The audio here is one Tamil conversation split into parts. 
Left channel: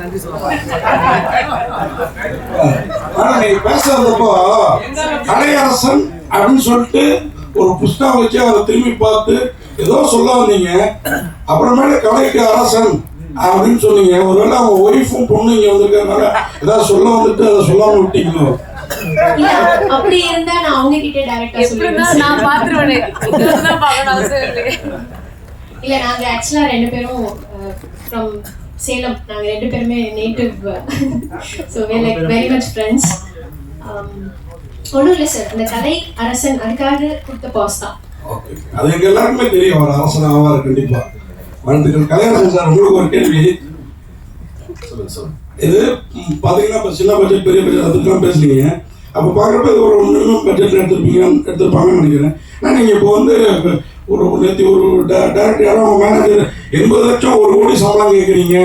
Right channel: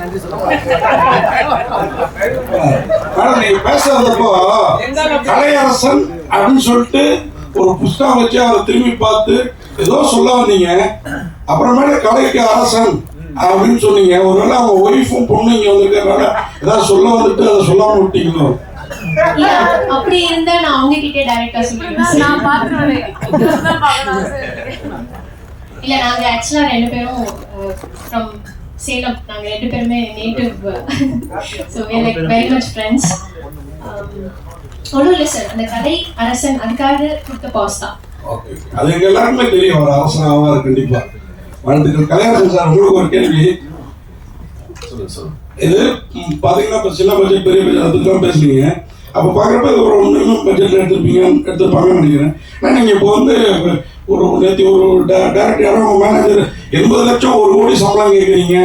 நன்றி சொல்ல நீ பேச வந்தப்போ கலையரசன் அப்படின்னு சொல்லிட்டு ஒரு புஸ்தகம் வச்சு அதை திரும்பி பார்த்து ஏதோ சொல்ல வந்தீங்க. அப்புறமேல கலைக்கு அரசன் அப்படின்னு சொன்னீங்க. ஒருவேளை அவங்க ஒய்ஃபும் பொண்ணு இங்க வந்திருக்கனால ஏதாவது சொல்ல வந்துட்டு அதை சொல்லாம விட்டீங்களோ? அப்படி இருந்தா நான் அவங்க கிட்டே டைரக்டா சொல்லிடுவேன். நான் பாத்துறேன். இல்ல நாங்க ஆக்சுவலா ரெண்டு பேரும் ஃப்ரம் சேலம். நாங்க ரெண்டு பேருமே native. So we are like very much friends. ஒன்றும் இல்லை சார், அந்த கலை அரசன் அதுக்காக கொடுத்த பாஸ் தான். ஓகே, அது எங்க எல்லாருக்குமே தெரியும். ஒரு அரசன் ஆவார் கண்டிப்பா. வாழ்த்துக்கள். கலையரசன் சார், உங்களுக்கு ஒரு கேள்வி. இது பாத்தீங்கன்னா இப்போ சின்ன பட்ஜெட் பெரிய பட்ஜெட் அதுக்கெல்லாம் பேசுறீங்க. அப்போ பார்க்குறப்ப இது ஒரு மினிமம் பட்ஜெட் எடுத்துருப்பாங்கன்னு நினைக்கிறேன். ஏன்னா நீங்கள் இப்போ வந்து ஒரு நேற்று ஒரு டேரக்டர் யாரோ மேனேஜர் 80 லட்சம் 1 கோடி சம்பளம் கேட்குறீங்க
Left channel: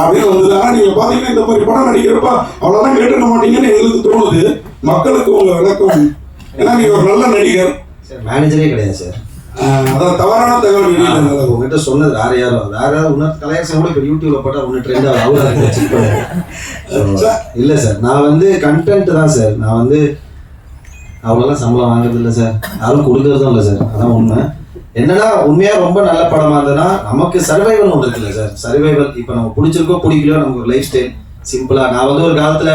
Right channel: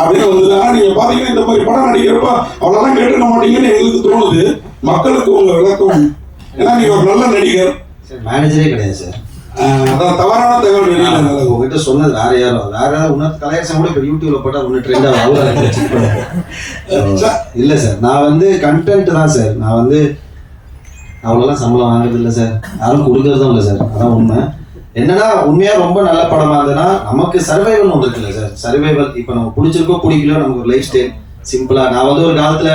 அப்படின்னு வந்தது. ஆனால் நீங்கள் பார்த்தீங்கன்னா இந்த மாதிரி படம் நடிக்கிறப்ப அவ்வளோதான் கேட்டுக்க மாட்டீங்கன்னு எங்களுக்கு தோணுது. மக்களுக்கு உங்கள் விளக்கம், ஏன்னா நீங்கள் ஒரு நல்ல நடிகர். மேனேஜரே கிடையாது சார். அதான் தவறான தகவல் உங்ககிட்ட சொன்னது வேற யாரும் உன்னத்து கலையரசன் கூட யூடியூப்ல போட்டா ஒன்று ட்ரெண்ட் இல்லை சார். நான் வந்து கண்டென்ட் தான் சார். நான் வந்து அவ்வளோலாம் சம்பளம் வாங்குறது இல்லை சார், யாரும் கொடுக்கறதும் இல்லை சார். அதான் உண்மை. என்னன்னா உண்மையா ரொம்ப நல்ல படமா இருந்ததுன்னா நமக்கு சர்வைவல் ஒன்று இருக்குல்ல சார். சர்வைவல் இப்போ நம்ம பிடிச்சிருக்கோ பிடிக்கலையோ நமக்கு ஒரு லைஃப் ஸ்டைல் சிம்பிளா. நான் வந்து ஒரு காலத்துல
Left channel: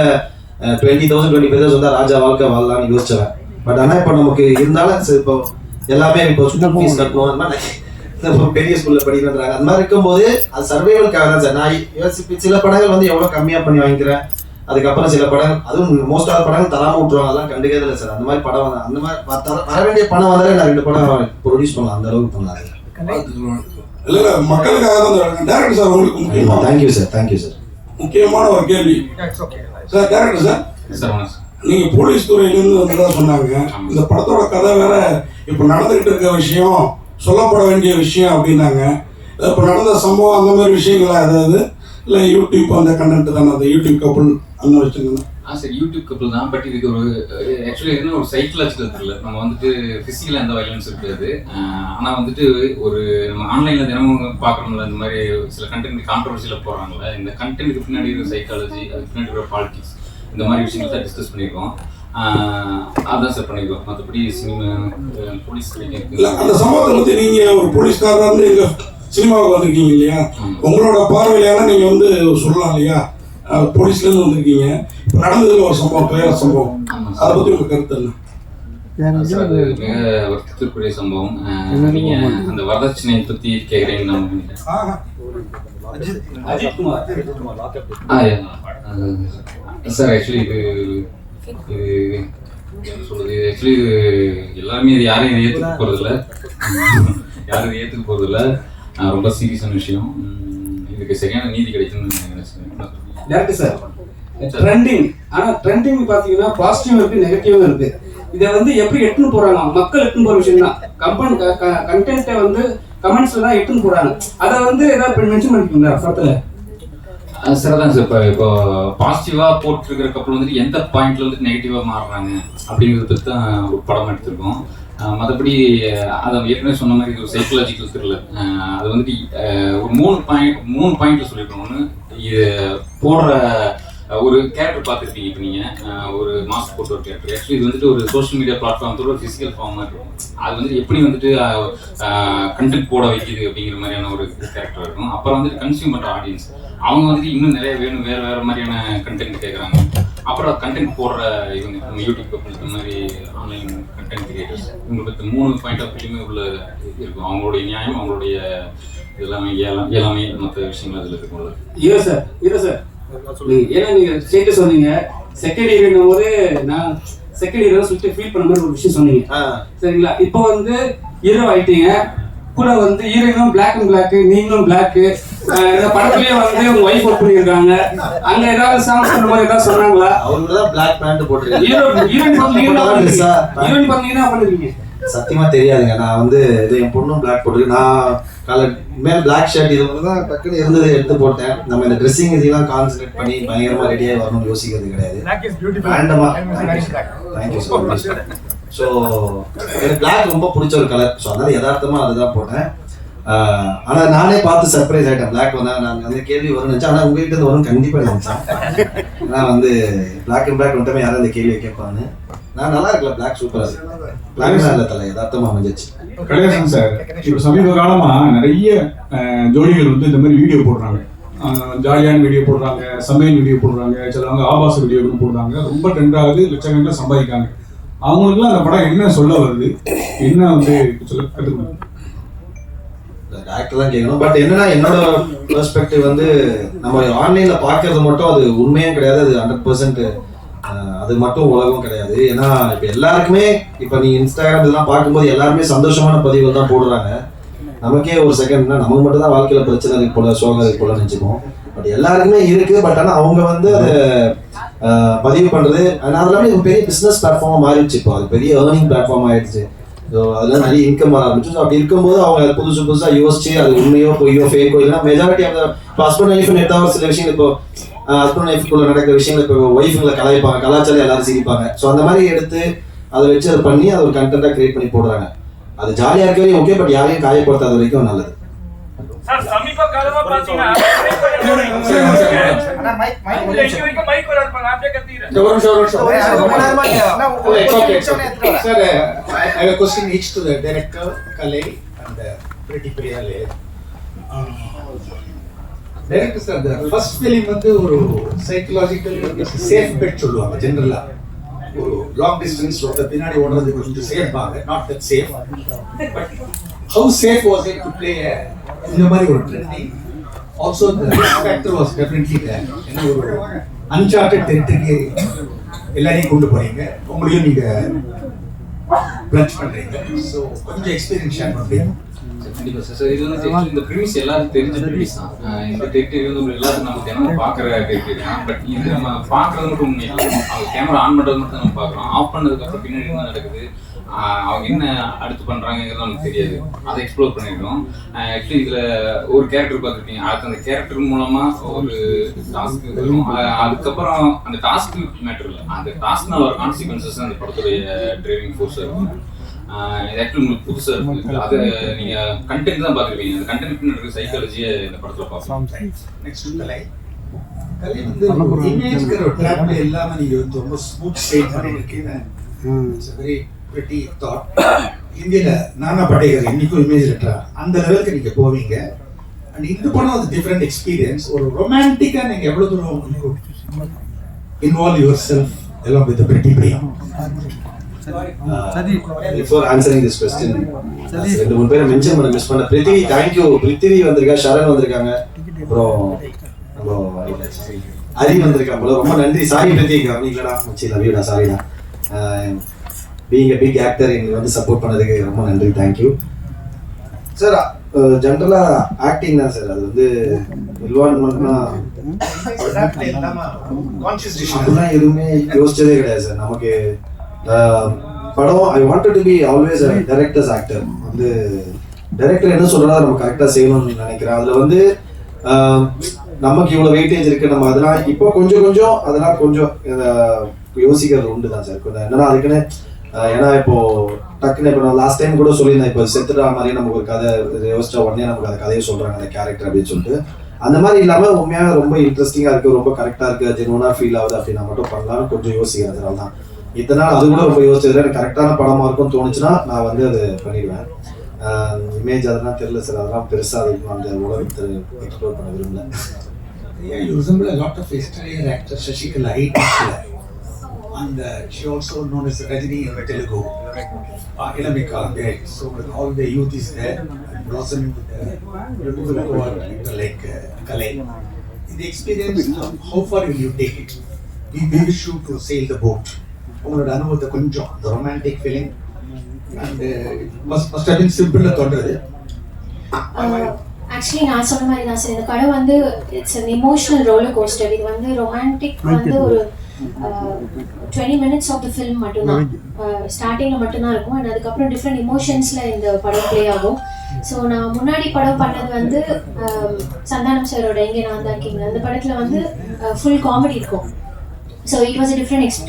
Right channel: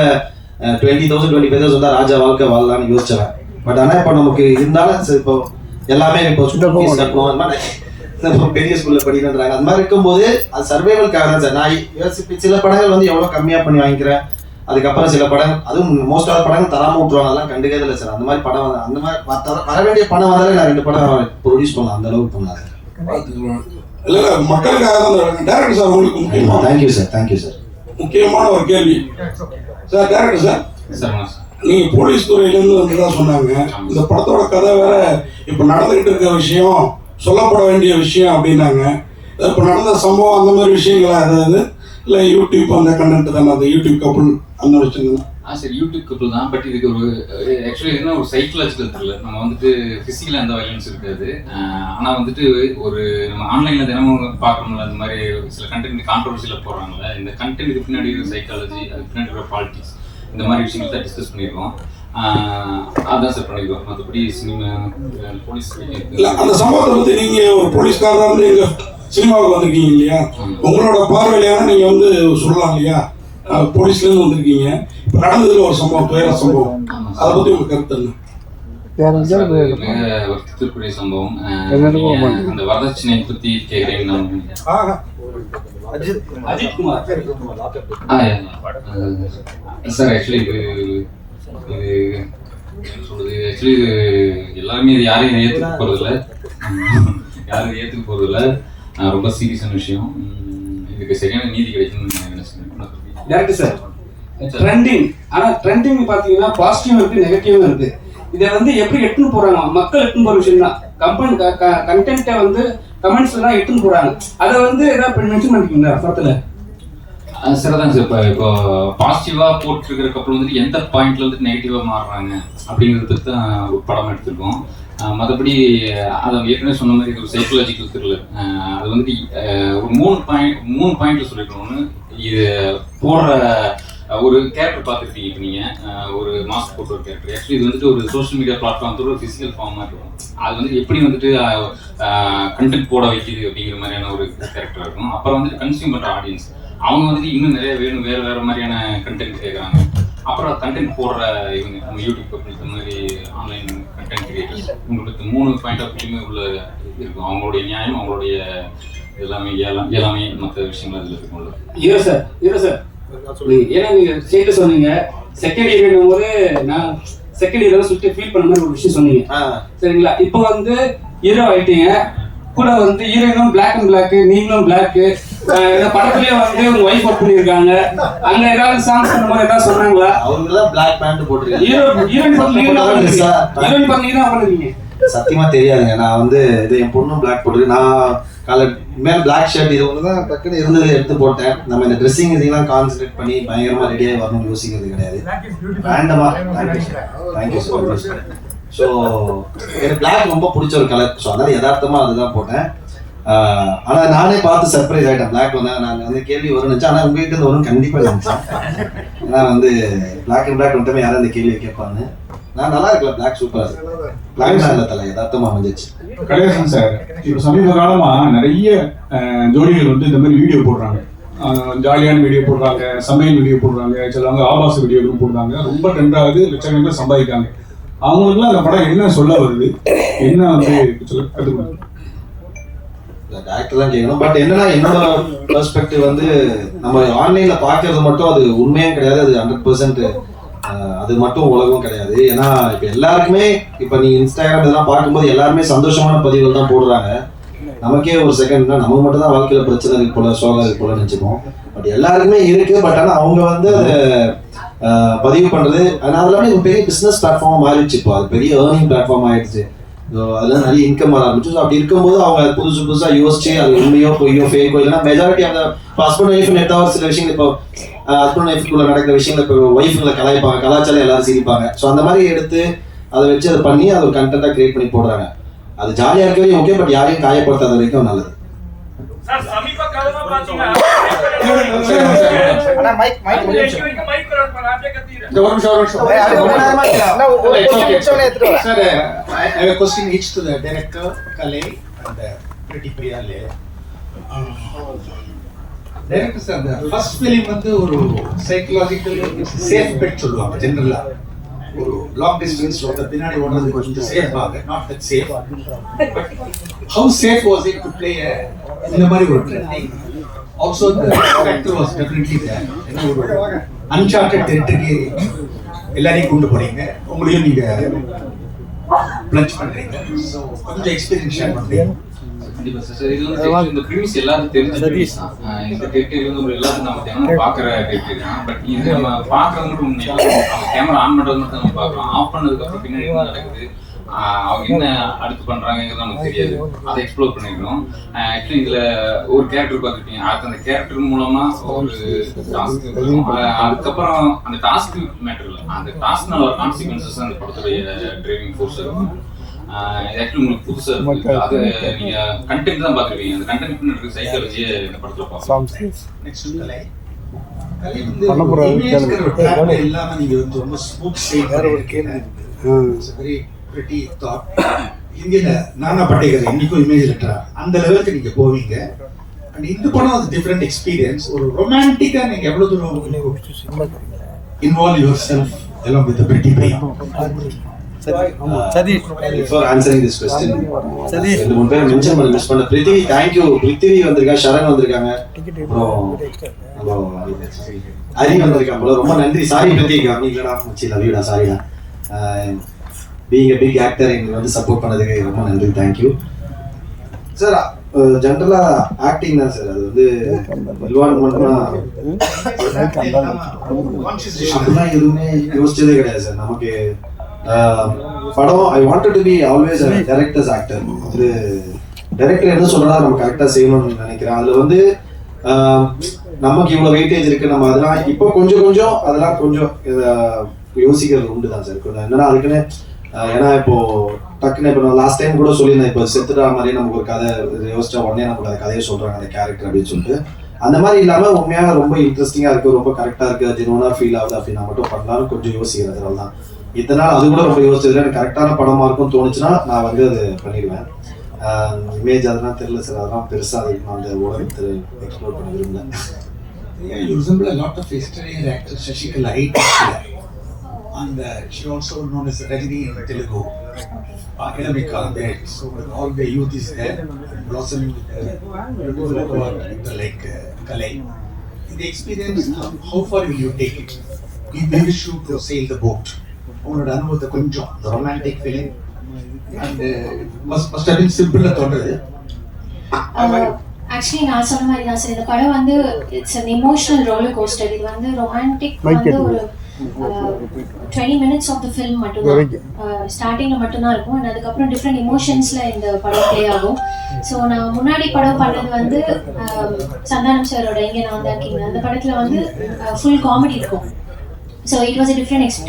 20,000 25,000 வந்தா ராஜா வாழ்க்கை வாழலாம்னு யோசிச்சேன். பட் ஆனால் இப்போ நமக்கு இருந்தாலும் சார் இப்போ எல்லாமே இப்போ ஃபீஸ் கட்டணும், அந்த மாதிரி பெரிய ஸ்கூல்ல படிக்கிறாங்க. அந்த மாதிரி இருக்கும்போது அது சர்வைவல்காக தான் சார். நான் யோசிப்பேன் சில படங்கள் வந்து எவ்வளோ கம்மியாக பண்ணி வாங்கிக்கிறேன். அதுக்கப்புறம் சில படங்கள், அதுவும் மோஸ்ட் ஆஃப் படங்கள் தராம விட்டுருவாங்க. அதெல்லாம் கண்டுக்கிறதுல இல்லை சார். அந்த மாதிரி படம் அந்த மாதிரி வர வேண்டிய பணம் வந்தாலே நான் 2 படம் ப்ரொடியூஸ் பண்ணலாம். அந்த அளவுக்கு பண்ணலாம் இல்ல மக்களுக்காக தான் டேரக்டர் சார். உங்களுக்கு முக்கியமா தேங்க்யூ சார். Thank you sir. முக்கியமான ஒரு கேள்வி சார். டேரக்டர் சார், நீங்க போலீஸ் துறையிலிருந்து வந்ததா சொன்னாங்க. இந்த படத்தோட கதை வேற இப்ப நடந்துகிட்டு இருக்க விஷயம், சொல்லப்பட வேண்டிய விஷயம் அப்படின்னாங்க. இப்ப நடந்த சம்பவம் அந்த மாதிரி விஷயங்களா ஏதாவது இல்ல யூடியூப் அந்த கண்டென்ட் தானே? அந்த யூடியூப் கப்புள் அந்த மாதிரி விஷயம் சார் யூடியூப் கப்புள் தான். பட் இதுக்கு ஒரு ஆக்சுவலி என்ன ஒரு சைக்கலாஜிக்கல் இல்லை. நம்ம வந்துட்டு ஃபிசிக்கலாக எந்த வயலன்ஸ் இருக்காது. ஆனால் வந்துட்டு ஒரு நம்ம ஆன்லைனில் தினமும் பார்க்குறோம்ல, இந்த மாதிரி சில கண்டென்ட் கான்ட்ரவர்சியில் போடுறாங்கல்ல, இந்த கண்டென்ட்டுக்கு பின்னாடி இருக்கிற சைக்காலஜி, அதுக்கு பின்னாடி இருக்கிற பாலிட்டிக்ஸ், இந்த மாதிரி விஷயங்கள் தான் டிஸ்கஸ் பண்ணியிருக்கோம். அதான் சார் பண்ணியிருக்கோம். மற்றபடி போலீஸ் அந்த சம்பவத்தை பற்றி நீங்கள் ஒரு போலீஸ்காரராக வந்து எங்கள் சினிமாவுக்கு வந்திருக்கீங்க இல்லையா? உங்களோட பார்வையான நீங்கள் வந்து சொல்லலாம் இல்லையா? போலீஸ்லேருந்து வந்திருக்கீங்க. இப்போ நடந்ததுல ஒரு சம்பவம், பேர சம்பவம், அதை பற்றி உங்கள் கருத்து என்ன? வருத்தத்திற்குரிய சம்பவம். அந்த வரதட்சணை பற்றி கேட்குறேன். சார் ஆக்சுவலி இது சொல்றது ஆக்சுவலி இது எல்லாருமே இது யாரையும் ஏற்றுக்க போகிறதில்ல, யாரும் ஏற்றுக்க போகிறதில்ல. ரொம்ப சீரியஸான விஷயம். இதுக்கு சரியான நீதி கிடைக்கும்னு நினைச்சேன். டேரக்டர் சார், ட்ரெண்டிங், ஆனால் ட்ரெண்டிங் பார்த்தீங்கன்னா பாசிட்டிவ் இருக்கு, நெகட்டிவும் இருக்கு. இதை வந்து எப்படி எடுத்துன்னு போறாங்க, மக்கள் எடுத்துன்னு போற விஷயம் தான். கண்டென்ட்டை வந்து கமெண்ட்ஸ்ல தான் எடுத்துன்னு போறாங்க. அதை வந்து ஏதாவது மென்ஷன் பண்ணிருக்கீங்களா படத்துல? சார் தான் சார். இப்போ பாசிட்டிவாக போட்டுருக்கிற கப்பல் வந்துட்டு எந்த பாயிண்ட்ல வந்துட்டு நெகட்டிவாக மாறுறாங்க அப்படிங்கிறதுக்கு தான் ஒரு படம் எடுத்திருக்கோம். மற்றபடி அதை ஏற்கனவே சொன்ன மாதிரி ஒரு சைக்கலாஜிக்கல் த்ரில்லர். அது வந்துட்டு ஒரு 3 பாயிண்ட்ல சொல்லியிருக்கோம். ஒன்று, இது போடுற ஒரு கேரக்டர் பார்த்துருக்கீங்க. இப்போ நீங்கள் ஒரு மாஸ்க் போட்டு ஒரு கேரக்டர். ஆக்சுவலி இது வந்துட்டு ஒரு சோஷியல் மீடியா பிளாட்ஃபார்மத்தோட ஒரு ஃபிசிக்கல் ஃபார்மாக இருக்கும். அது வந்து எப்படி வந்துட்டு கண்டென்ட் போட வைக்கிது அப்படிங்கிற மாதிரியான ஒரு கேரக்டர் இருக்கும். அப்புறம் வந்துட்டு கன்சியூம் பண்ணுற ஆடியன்ஸ், அவங்க வந்துட்டு இன்னும் நிறைய வேணும், வேறு மாதிரியான கண்டென்ட் கேட்குறாங்க. அப்புறம் கண்டென்ட் போடுற இவங்க யூடியூப் இந்த மாதிரி ஆன்லைன் கண்டென்ட் கிரியேட்டர்ஸ், உங்களுக்கு 3 பாயிண்ட் ஆஃப் வியூமே உள்ள இருக்கும். அவங்களுடைய நியாயம், அவங்களுடைய எல்லாமே மற்ற விஷயங்கள் அதில் இருக்கும்ல. ஹீரோ சார் ஏன்னா நீங்க ஸ்டேட்டஸ் சொன்னீங்க செகண்ட் இயர் போது நான் செகண்ட் இயர் சுற்றி ஃபீல் பண்ண மாதிரி ஒரு விஷயம் சொன்னீங்க சரிங்களா? இப்போ வந்து ஹீரோ ஆயிட்டீங்க, கூட வந்து ஹீரோயினும் பிளாக் அண்ட் பிளாக், நீங்களும் பிளாக். படத்துலயே வந்து உங்க ஒய்ஃப் ஒர்க் பண்ணிருக்காங்க. அங்க ஏதாவது சாங்ஸ் பண்ணும்போது ஏதாவது சொன்னாங்களா? அவங்களுக்கு தான் பிளாக் பேண்ட் போட்டுருக்காங்க. ஹீரோயின் பாத்தீங்கன்னா பண்ணுவீங்க சத்தியமா தெரியாதுங்க. நான் வந்து இது என் பொண்ணும் பிளாக் போட்டுருக்கு. நான் மேல பிளாக் ஷர்ட் இது ஒன்று தான் டக்குன்னு இருந்தது எடுத்து போட்டேன். நம்ம இந்த ட்ரெஸ்ஸிங் இதெல்லாம் கான்சன்ட்ரேட் பண்ணி பயங்கரமா ரெடியாக வரணும்னு யோசிக்கிறது கிடையாது. வேண்டமா தேங்க்யூ ஸோ மச். ஸோ எனக்கு பிளாக் ரொம்ப பிடிச்ச ஒரு கலர். ஸோ அதனால யதார்த்தமா அதுதான் போட்டேன். ஆனால் நானே பார்த்து சர்ப்ரைஸ் ஆகிட்டேன். பிளாக் வந்தாங்க, நான் அந்த கேள்வி வரும்னு நினச்சேன். ஆனால் உங்ககிட்ட இருந்து வரும் கண்டிப்பாக நினச்சேன். நான் வந்து பிளாக் அண்ட் பிளாக் மட்டுமே யாரும் அந்த கேள்வியை கேட்பான்னு. நான் நல்லா இருக்கல, பிளாக் சூப்பராக இருக்கு. பிளாக் நல்ல தலை யதார்த்தமாக அமைஞ்சிச்சு. கணேசன் சார், இப்போ சமீப காலமாக நிறைய ஜோடிகள் வந்து இந்த மாதிரி வீடியோ போடுறாங்க. ஜாலியான வீடியோ போடுறாங்க, சமையல் வீடியோ போடுறாங்க, சிலவங்க ஆபாச வீடியோவும் போடுறாங்க. ரொம்ப ட்ரெண்டாகுது, லட்சக்கணக்கில் சம்பாதிக்காங்க. அவங்களுக்குலாம் அந்த படம் என்ன சொல்ல வருது, என்ன வந்து சொல்ல கற்றுக்கணும்? டேரக்டர் தான் கேட்கணும். பட் என்னன்னா என்னோட பெர்ஸ்பெக்டிவ் வந்து நம்ம ஆன்லைன்ல பார்க்கறது மட்டும் அது உண்மையும் கிடையாது, அது 100% அது மட்டும் உலகம் கிடையாது. ஏன்னா இப்போ எல்லாருக்குமே இப்போ நீ இன்ஸ்டாகிராம் இதெல்லாம் பார்க்கும்போது எல்லாருமே சந்தோஷமான பதிவுகள் தான் போடுறாங்க. நமக்கே ஒரு செகண்ட்னா நம்ம மட்டும் தான் வாழ்க்கையில பிரச்சனை இருக்கு போல, சோகம் இருக்கு போல நினைச்சுப்போம். பட் எல்லாருக்குமே இருக்கு. பட் ஆனால் அவங்க வந்து அதை பதிவு பண்றது அதெல்லாமே ஒரு பெரிய பிசினஸ் பிளாட்ஃபார்மா மாறிடுச்சு. இப்போ அது பெரிய ஏர்னிங் பிளாட்ஃபார்ம் ஆயிடுச்சு. ஸோ அதில் நிறைய இன்கம் வர ஆரம்பிச்சு. ஸோ அப்படி இருக்கும்போது அவங்க புதுசாக யோசிச்சு அது உண்மையோ பொய்யோ ஃபேக்கோ இல்லைன்னா மெஜாரிட்டி அந்த ஹஸ்பண்ட் ஒய்ஃப் நெட்டாவது சில விஷயங்கள் இப்போ ஹஸ்பண்ட் ஒய்ஃப்குள்ள நடக்கிற விஷயங்கள் இப்போ ஒய்ஃபுங்களை கலாய்ப்பாங்க, கலாச்சாரம் எல்லாரும் சிரிப்பாங்க. ஸோ அந்த மாதிரி எடுத்து அதை வச்சு அதை பண்ணி அதை ஒரு கண்டென்ட்டாக கிரியேட் பண்ணி போடுறாங்க. அது ஜாலியாக இருக்கவே ஓகே, பட் யாரையும் காயப்படுத்தாத வரைக்கும் நல்லது. டைரக்டர் சார், அந்த ஃபர்ஸ்ட் ஃபிலிம் வந்து ஒரு சைக்கலாஜிக்கல் சேஃப் பெட் சொல்லுவாங்க ஜெனரலா. ஒரு லாங் டிஸ்டன்ஸ் ஓட பின்னாடி ஓடுறது கொஞ்சம் சேஃப் ஆக, not that safe. How safe was it to play இந்த மாதிரி ஒரு trending? Also the character was definitely என்ன ஒரு அன்சார்ட்டட் டெரிட்டரிக்கு எல்லாரையும் கொண்டு போறீங்க, உங்களையும் நீங்க பிளஞ்ச் பண்றீங்க. ஸோ கொஞ்சம் எக்ஸ்பீரியன்ஸ் ஷேர் பண்றீங்க. கண்டிப்பா சார். இது வந்து இந்த ப்ரீமிஸ் எல்லாருக்கும் தெரிஞ்ச ப்ரீமிஸ் தான். இந்த டெரிட்டரி வந்து எல்லாருக்கும் நம்ம தினம் பார்க்குற டெரிட்டரி தான். பட் இது நம்ம பார்க்குறது மட்டும் உண்மை இல்லை. அவங்க கேமரா ஆன் பண்ணுறது மட்டும் நம்ம பார்க்குறோம். ஆஃப் பண்ணதுக்கப்புறம் பின்னாடி என்ன நடக்குது, அவங்க என்ன அடுத்து பண்ணுறாங்கிறது நமக்கு தெரியாது. அதை எக்ஸ்ப்ளோர் பண்ணிடுறோம். ஆக்சுவலி இதில் ஒரு கேரக்டர் பார்த்துருப்பீங்க. அது அந்த கேரக்டர் மூலமாக ஒரு டாஸ்க் இருக்கும். அதுக்கப்புறம் அந்த டாஸ்க் மேட்டர் இல்லை, அந்த டாஸ்க்னால வர கான்சிக்வன்சஸ் அந்த படத்துடைய டிரைவிங் ஃபோர்ஸ் இருக்கும். ஆக்சுவலி உங்களுக்கு புதுசாக இருக்குது. அது நீங்கள் கண்டென்ட் தான் பார்த்துருப்பீங்க. அந்த கண்டென்ட் பின்னாடி சைக்காலஜியை இந்த படத்தில் பார்க்கலாம். நெக்ஸ்ட் கலை வந்து இமேஜ்ங்கிற ஒரு ட்ராப்ல இல்லாம நீங்க வந்து ரொம்ப ஸ்மூத் ஸ்டைல் பண்ணிருக்கீங்க. It's a very pretty thought. இந்தியில நானா பட்டேகர் இன்னைக்கும் இமேஜ் ட்ராப் அந்த லெவலுக்கு நீங்க போவீங்க. அண்ட் இந்த படம் அது டிஃபரெண்ட் எக்ஸ்பீரியன்ஸ். ஒரு ரொமான்டிக்கா நீங்க எவ்வளவு தூரம் involve your self along with the pretty pay. Before answering this question, ரெண்டு மூணு பேரை மென்ஷன் பண்ண மிஸ் பண்ண. பிருத்திவி, தேங்க்யூ. பிருத்திவி வந்திருக்கா, ஷரண் வந்திருக்காங்க, அப்புறம் ஹரி வந்திருக்காங்க. ப்ரோ ரொம்ப நன்றி. சாரி பிருத்திவி, கவனிக்கடா மச்சி, லவ்யூடா, சாரிடா. பீயிங் a big actor எங்களுக்கு வந்து சப்போர்ட் பண்ணதுக்கு ரொம்ப நன்றி, தேங்க்யூ சார். ஜென்ரலா ஆக்டிங் தான் சார். அது வந்து அப்படிலாம் எதுவுமே யோசிச்சதே கிடையாது சார். நமக்கு படம் I wanted to be always a director's actor. வந்து டைரக்டர் என்ன சொல்றா நம்ம கரெக்டா செய்யணும்னு நினைக்கிறேன். அதுல வந்து நமக்கு இவ்வளவு வெயிட்டேஜ் இருக்கு, நம்ம அதெல்லாம் இப்போ கொஞ்சம் கொஞ்சம் அதெல்லாம் கொஞ்சம் யோசிக்கிறது உண்டு தான் சார். என்னன்னா அதுக்குன்னு ஏன்னா இப்போ டக்குன்னு இப்போ நான் லாஸ்ட் டைம் கூட சொல்லியிருந்தேன், இப்போ செத்துட்டா மாதிரி நமக்கு ஒரு கதை யோசிச்சா உடனே நமக்கு அந்த கதையை சொல்றாங்க அந்த கேரக்டர் அப்படின்னு சொல்லிட்டு. அந்த மாதிரி இல்லாம உண்மையாக ரொம்ப இன்ட்ரெஸ்டிங்கா இருக்கு, ரொம்ப கரெக்டா இருக்கு, ஜெனுவனா ஃபீல் ஆகுது அப்படின்னா மட்டும் பண்ணலாம்னு கொஞ்சம் யோசிக்கிறேன். அதனால தான் இத்தனை நாள் அது கூட ரொம்ப யோசிச்சதுல எனக்கு கரெக்டான படமா இருக்கும் தோணுச்சுன்னா நான் வந்து அதை பண்ணிடுவேன். இமேஜ் அதெல்லாம் தெரியல சார், அதெல்லாம் பெருசா அதிகமாக அந்த உலகத்தை எக்ஸ்ப்ளோர் பண்ண விரும்பல. You resemble a lot of yesterday actor Shashikala, and she also known as Rajini in Telugu. Academic there, so all the youth is there, blossoming with beautiful work like Kalai. In the experience, how far will you take it? We wish you to sail the boat. Only done with the kunjam, the romantic feeling, and must have been simple to order. Actually நான் சொன்ன மாதிரி தான் சார், இந்த படம் வந்து it's an emotional roller coaster. இது வந்து ரொமான்டிக் வந்து ஒரு 20 minutes ஆஃப் த ஃபில்ம் மட்டும்தான், ஸ்டார்டிங்ல மட்டும்தான் இருக்கும். அண்ட் அதுக்கப்புறம் டிஃப்ரெண்ட் இமோஷன்ஸ்ல இந்த படம் ப்ளே ஆகும். ஸோ நான் முன்னாடி படம் பண்ணது வந்து சந்தானம் சாரோட இங்கே நான் தான் கிங். அந்த படத்துல வந்து ஃபுல் காமெடி இருக்கும். So it was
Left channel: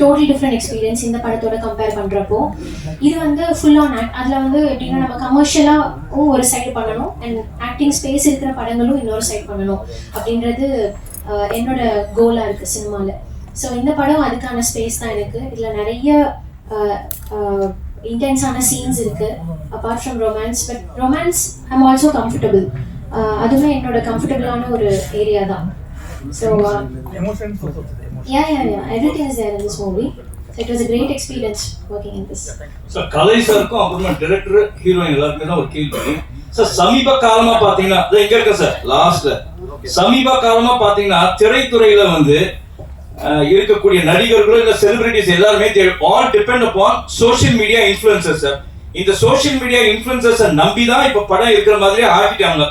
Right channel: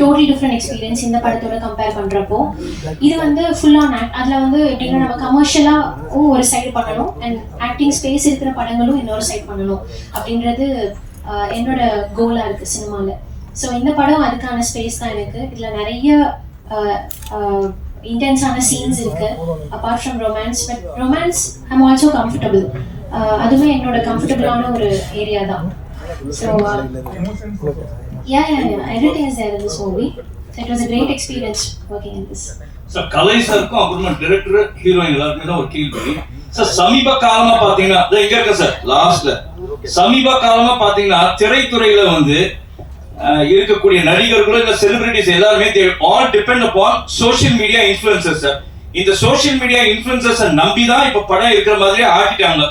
totally different experience இந்த படத்தோட கம்பேர் பண்ணுறப்போ. இது வந்து ஃபுல் ஆன் அதில் வந்து எப்படின்னா நம்ம கமர்ஷியலாகவும் ஒரு சைடு பண்ணணும் அண்ட் ஆக்டிங் ஸ்பேஸ் இருக்கிற படங்களும் இன்னொரு சைடு பண்ணணும் அப்படின்றது என்னோட கோலாக இருக்குது சினிமாவில். ஸோ இந்த படம் அதுக்கான ஸ்பேஸ் தான் எனக்கு. இதில் நிறைய இன்டென்ஸான சீன்ஸ் இருக்கு apart from romance. But romance I'm also comfortable. அதுவே என்னோட கம்ஃபர்டபுளான ஒரு ஏரியா தான். So yeah, everything is there in this movie. So it was a great experience working in this. So கலை சாருக்கும் அப்புறமா டைரக்டர் ஹீரோயின் எல்லாருமே தான் ஒரு கேள்வி. சார் சமீப காலமா பாத்தீங்கன்னா இங்க இருக்க சார் லாஸ்ட்ல சமீப காலமா பாத்தீங்கன்னா திரைத்துறையில வந்து இருக்கக்கூடிய நடிகர்கள் இல்ல செலிபிரிட்டிஸ் எல்லாருமே all depend upon social media influencers sir. இந்த சோஷியல் மீடியா இன்ஃப்ளூயன்சர்ஸ் நம்பி தான் இப்ப படம் இருக்கிற மாதிரியே ஆக்கிட்டாங்க.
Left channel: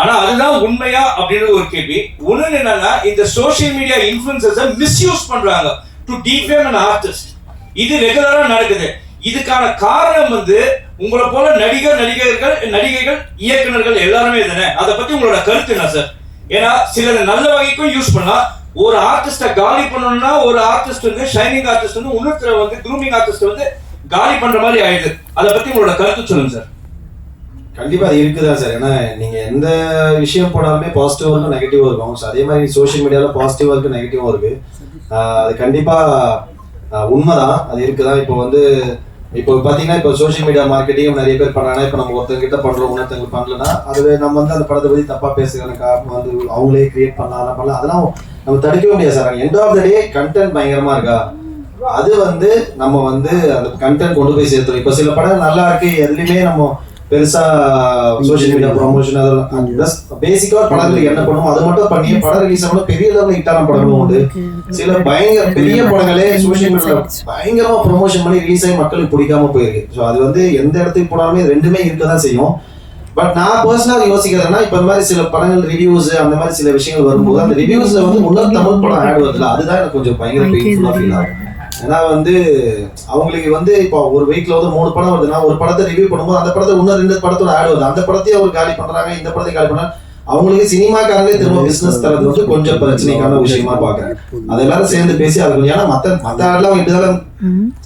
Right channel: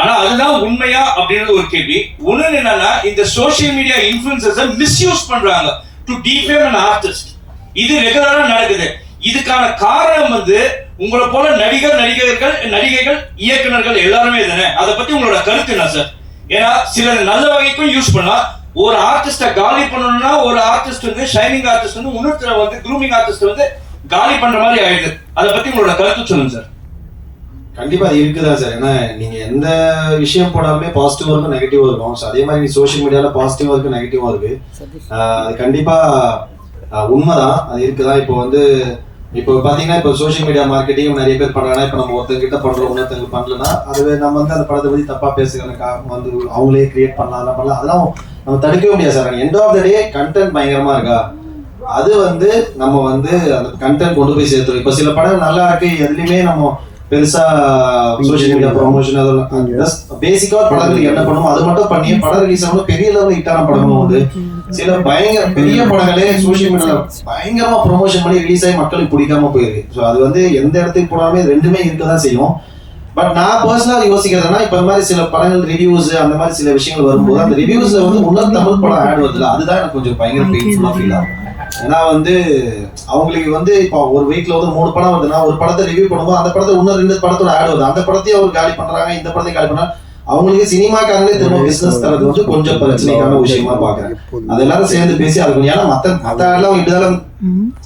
ஆனா அதுதான் உண்மையா அப்படின்றது ஒரு கேள்வி. ஒண்ணு என்னன்னா இந்த சோஷியல் மீடியா இன்ஃப்ளூயன்சர்ஸ் மிஸ்யூஸ் பண்றாங்க டு டிஃபேம் an artist. இது ரெகுலரா நடக்குது. இதுக்கான காரணம் வந்து உங்களை போல நடிகைகள் இயக்குனர்கள் எல்லாருமே தானே. அதை பத்தி உங்களோட கருத்து என்ன சார்? ஏன்னா சிலர் நல்ல வகைக்கும் யூஸ் பண்ணா ஒரு ஆர்டிஸ்ட காலி பண்ணணும்னா ஒரு ஆர்டிஸ்ட் வந்து ஷைனிங் ஆர்டிஸ்ட் வந்து இன்னொருத்தர வந்து க்ரூமிங் ஆர்டிஸ்ட் வந்து காலி பண்ற மாதிரி ஆயிடுது. அதை பத்தி உங்களோட கருத்து சொல்லுங்க சார். கண்டிப்பா அது இருக்குதா சார். ஏன்னா நீங்க எந்த விஷயம் போனாலுமே பாசிட்டிவ் இருக்கும் நெகட்டிவ் இருக்கும். ஸோ அதே மாதிரி சோஷியல் மீடியால பாசிட்டிவா இருக்கு நெகட்டிவா இருக்கு. அது கண்டிப்பா உண்மைதான், அது இருக்குதான். இப்போ பாத்தீங்கன்னா இப்போ சோஷியல் மீடியா மார்க்கெட்டிங் நிறைய பேர் பண்றாங்க. இப்போ நம்ம ஒருத்தர்கிட்ட பண்றோம் இன்னொருத்தருக்கு பண்ணலன்னா அதுவே நம்ம வந்து அந்த படத்தை பத்தி தப்பா பேசுகிற காரணம் வந்து அவங்களே கிரியேட் பண்ணலாம் அதெல்லாம் நம்ம தடுக்கவே முடியாது sir. End of the day content பயங்கரமா இருக்கா, அது வந்து நம்ம வந்து அந்த கண்டென்ட் கொண்டு போய் சேர்த்துரும். இப்போ சில படம் நல்லா இருக்கு, எதுலையுமே நம்ம பெருசா சோஷியல் மீடியா ப்ரொமோஷன் அதெல்லாம் பேசிக்கா படங்களுக்கு என்ன பண்ணுவோம் அது மட்டும் பண்ணி படம் ரிலீஸ் ஆகணும். பெரிய லெவலில் ஹிட்டான படங்களும் உண்டு. சில பயங்கர பெரிய படங்களே சோஷியல் மீடியால பயங்கரமா ப்ரொமோஷன் பண்ணி ரிலீஸ் ஆகி மக்களுக்கு பிடிக்காம போயிருக்கு. ஸோ அது வந்து எந்த இடத்துக்கு போனாலுமே ரெண்டுமே இருக்கதான் செய்யும். பட் நான் பர்சனலா யோசிக்கிறதுனா இப்ப இந்த மாதிரி சில படங்கள் ரிவ்யூஸ் அந்த மாதிரி சில விஷயங்கள் வரும்போது அந்த ரிவ்யூஸ்ல வந்து முன்னர் தமிழ் படம் ஆட் வருதுல அதுதான் எனக்கு கொஞ்சம் பயங்கர பெயின்ஃபுல்லா ஃபீல் ஆகும். ஏன்னா வந்து அவங்களுக்கு வந்து இப்போ ஒரு வீக்ல வந்து 3 படம் வருதுன்னா ஒரு படத்தை ரிவ்யூ பண்ணும்போது அந்த படத்தை இன்னும் 2 படத்தோட ஆட் வருது. அந்த படத்தையும் அவர் காலி பண்றாங்க, இந்த படத்தையும் காலி பண்றாங்க. அவங்களுக்கு சினிமாக்காரங்களே திரும்ப பிசினஸ் தரது வந்து கொஞ்சம் பிரச்சனைக்கான விஷயமா பாக்குறேன். அது எல்லாரும் சேர்ந்து பேசி அது ஏன்னா மத்த ஆடெல்லாம் இப்படிதான்